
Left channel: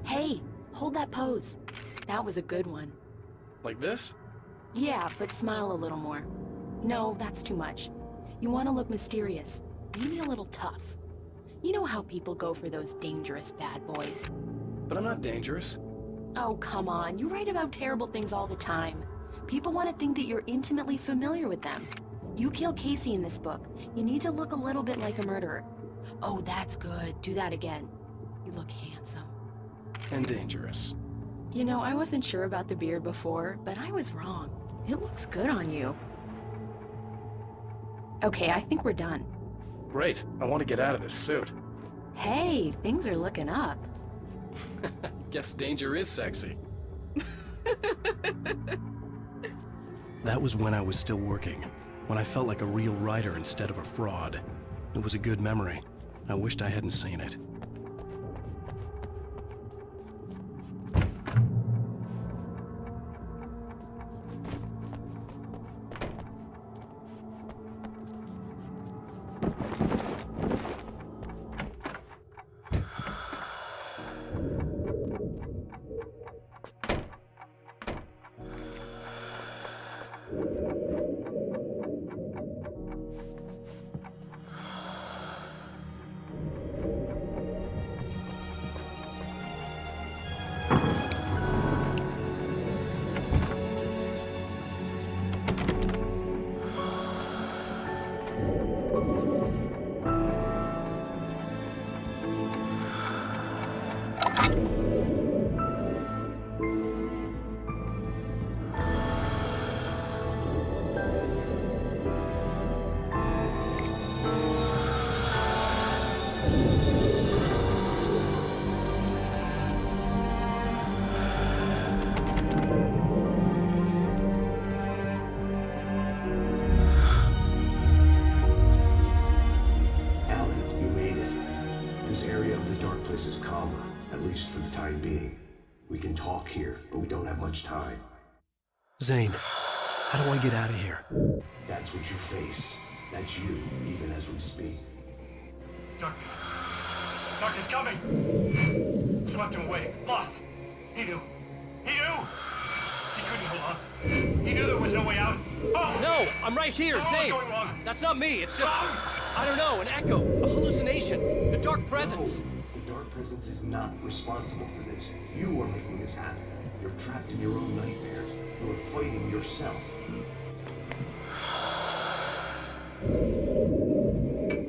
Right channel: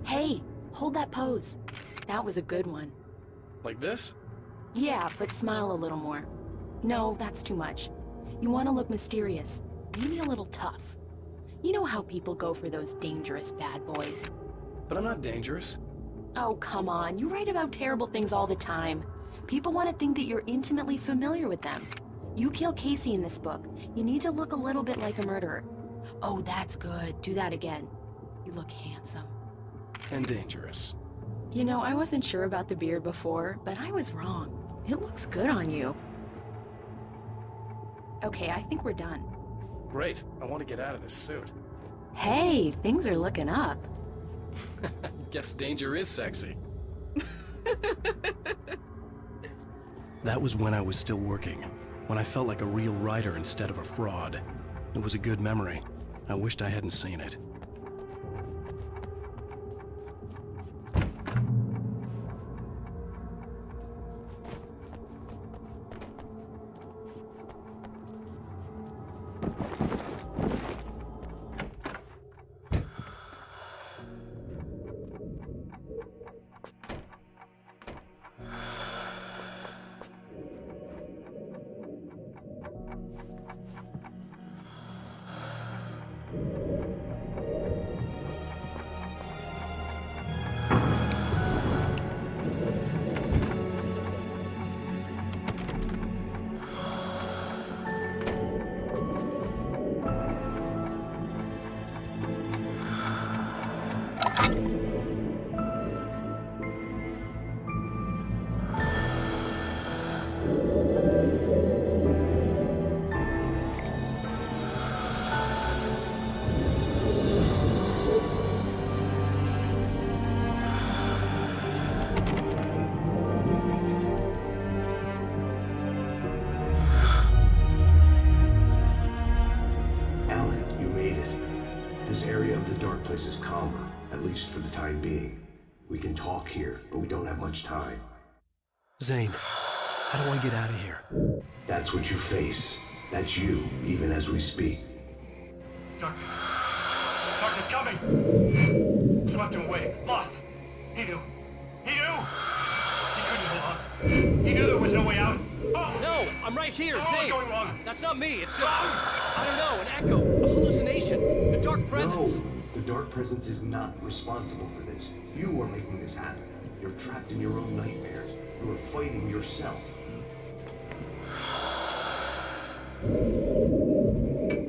Hey, hold that pose. That was a good one. Like this? Yeah, but smile a little more. No, that's too much. You want to look mysterious, maybe a little tough. You know how people go for those dangerous bad boys. But I'm not dangerous. Oh, come on. You write about terrible things all the time. People want to think that you're intimately familiar with them. You kill Casey in this book. You need to look a little bit like a murderer. Oh, that's good. Do that again. You look handsome. And dangerous. You know, I wasn't sure about the beard before, but I was wrong. It looks good on you. Okay, I think we're done. Great. I want to get out of this suit. Hey, things are looking up. Guess danger is sexy. That was when I was still working, when I felt like a real writer instead of a fraud. It was a good memory. I wished I hadn't seen it. This area of the dark place is calmer, at least for the time being. We can talk here, but we don't have much time. Zane, how do I get out of here? That's what you face. That's you, even as we speak. Darkness. Darkness coming! Swept him away. Lost. He knew. He knew! He couldn't hold on. He knew there was no way out. Oh! No! I'm right here, What's Zane! going wrong? That's not me, it's just... I don't know, an echo, a hallucination, the dark presence. No, the dark presence is not responsible for this. You are making this happen. You're trapped in your own nightmares. You are fighting yourself.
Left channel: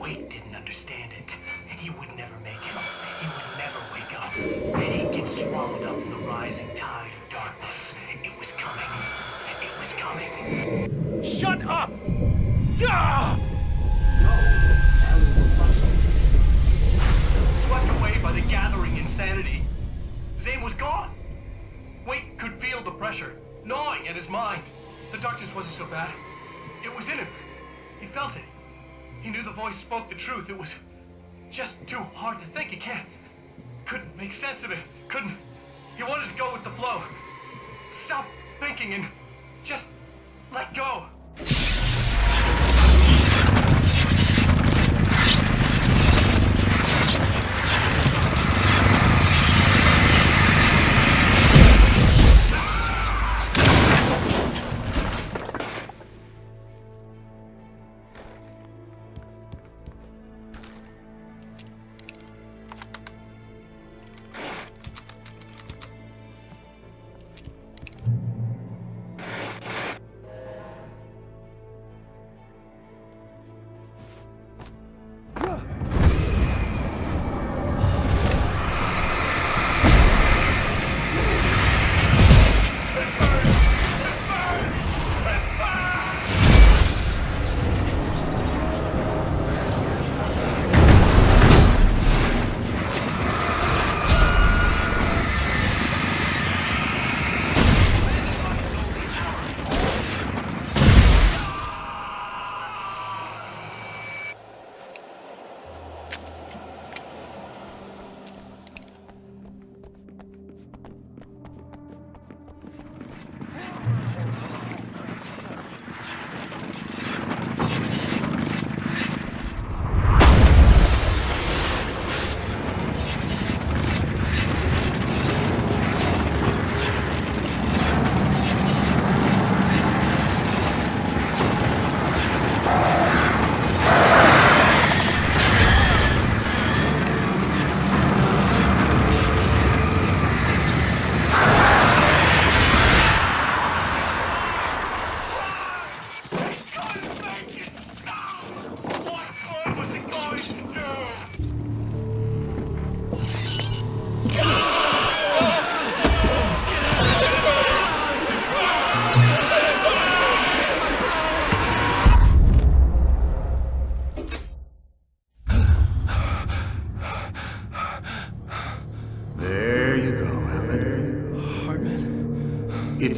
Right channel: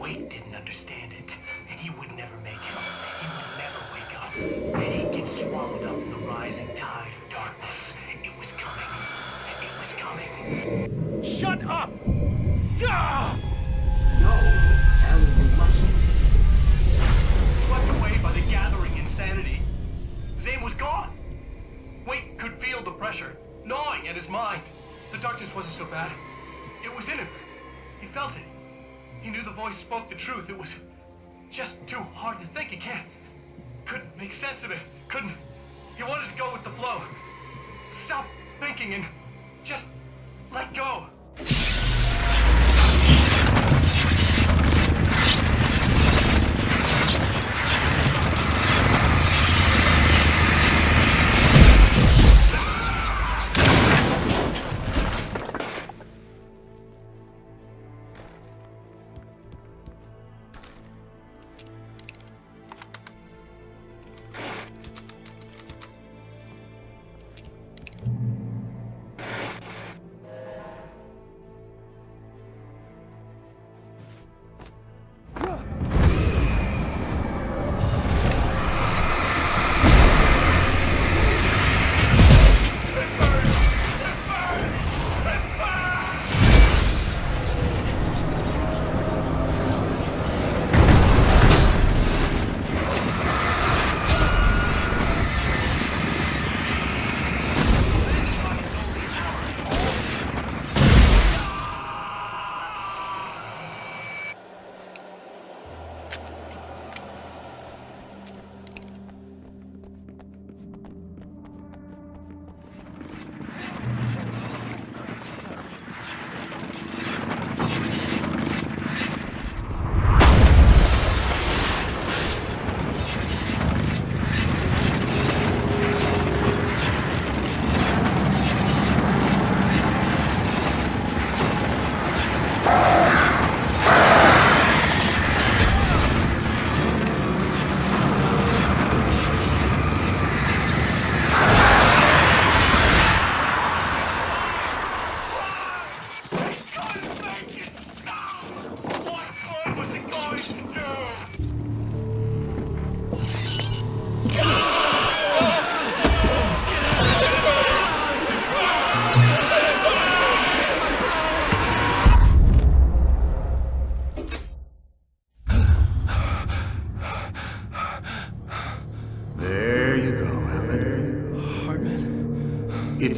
Wade didn't understand it. He would never make it. He would never wake up. He'd get swallowed up in the rising tide of darkness. It was coming. It was coming. Shut up! Ah! No, Alan, you must be. Swept away by the gathering insanity, Zane was gone. Wade could feel the pressure, gnawing at his mind. The darkness wasn't so bad. It was in him. He felt it. He knew the voice spoke the truth. It was just too hard to think. He couldn't make sense of it. He wanted to go with the flow. Stop thinking and just let go.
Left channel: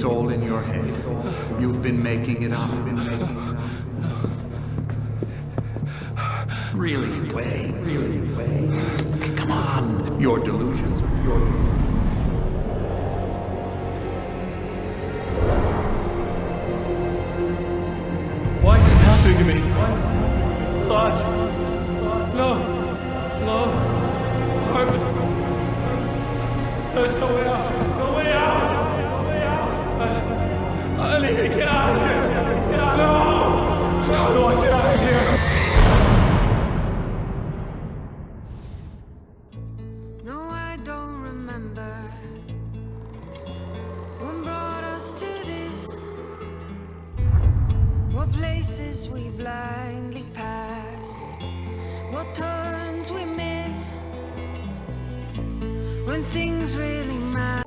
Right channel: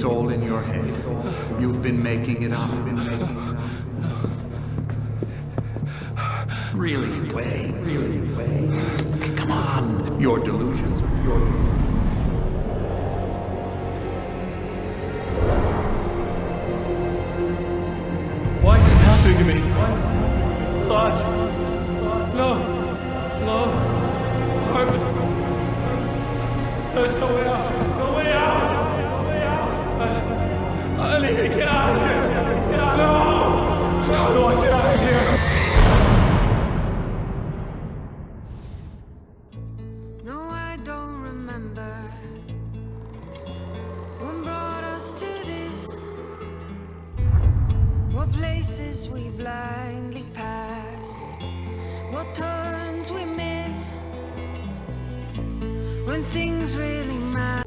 It's all in your head. You've been making it up. Really, Wei? Come on. Your delusions. Why is this happening to me? Lodge. No. Harvey. There's no way out. No way out. I need to get out of here. No. How do I get out of here? No, I don't remember what brought us to this. What places we blindly passed, what turns we missed, when things really matter.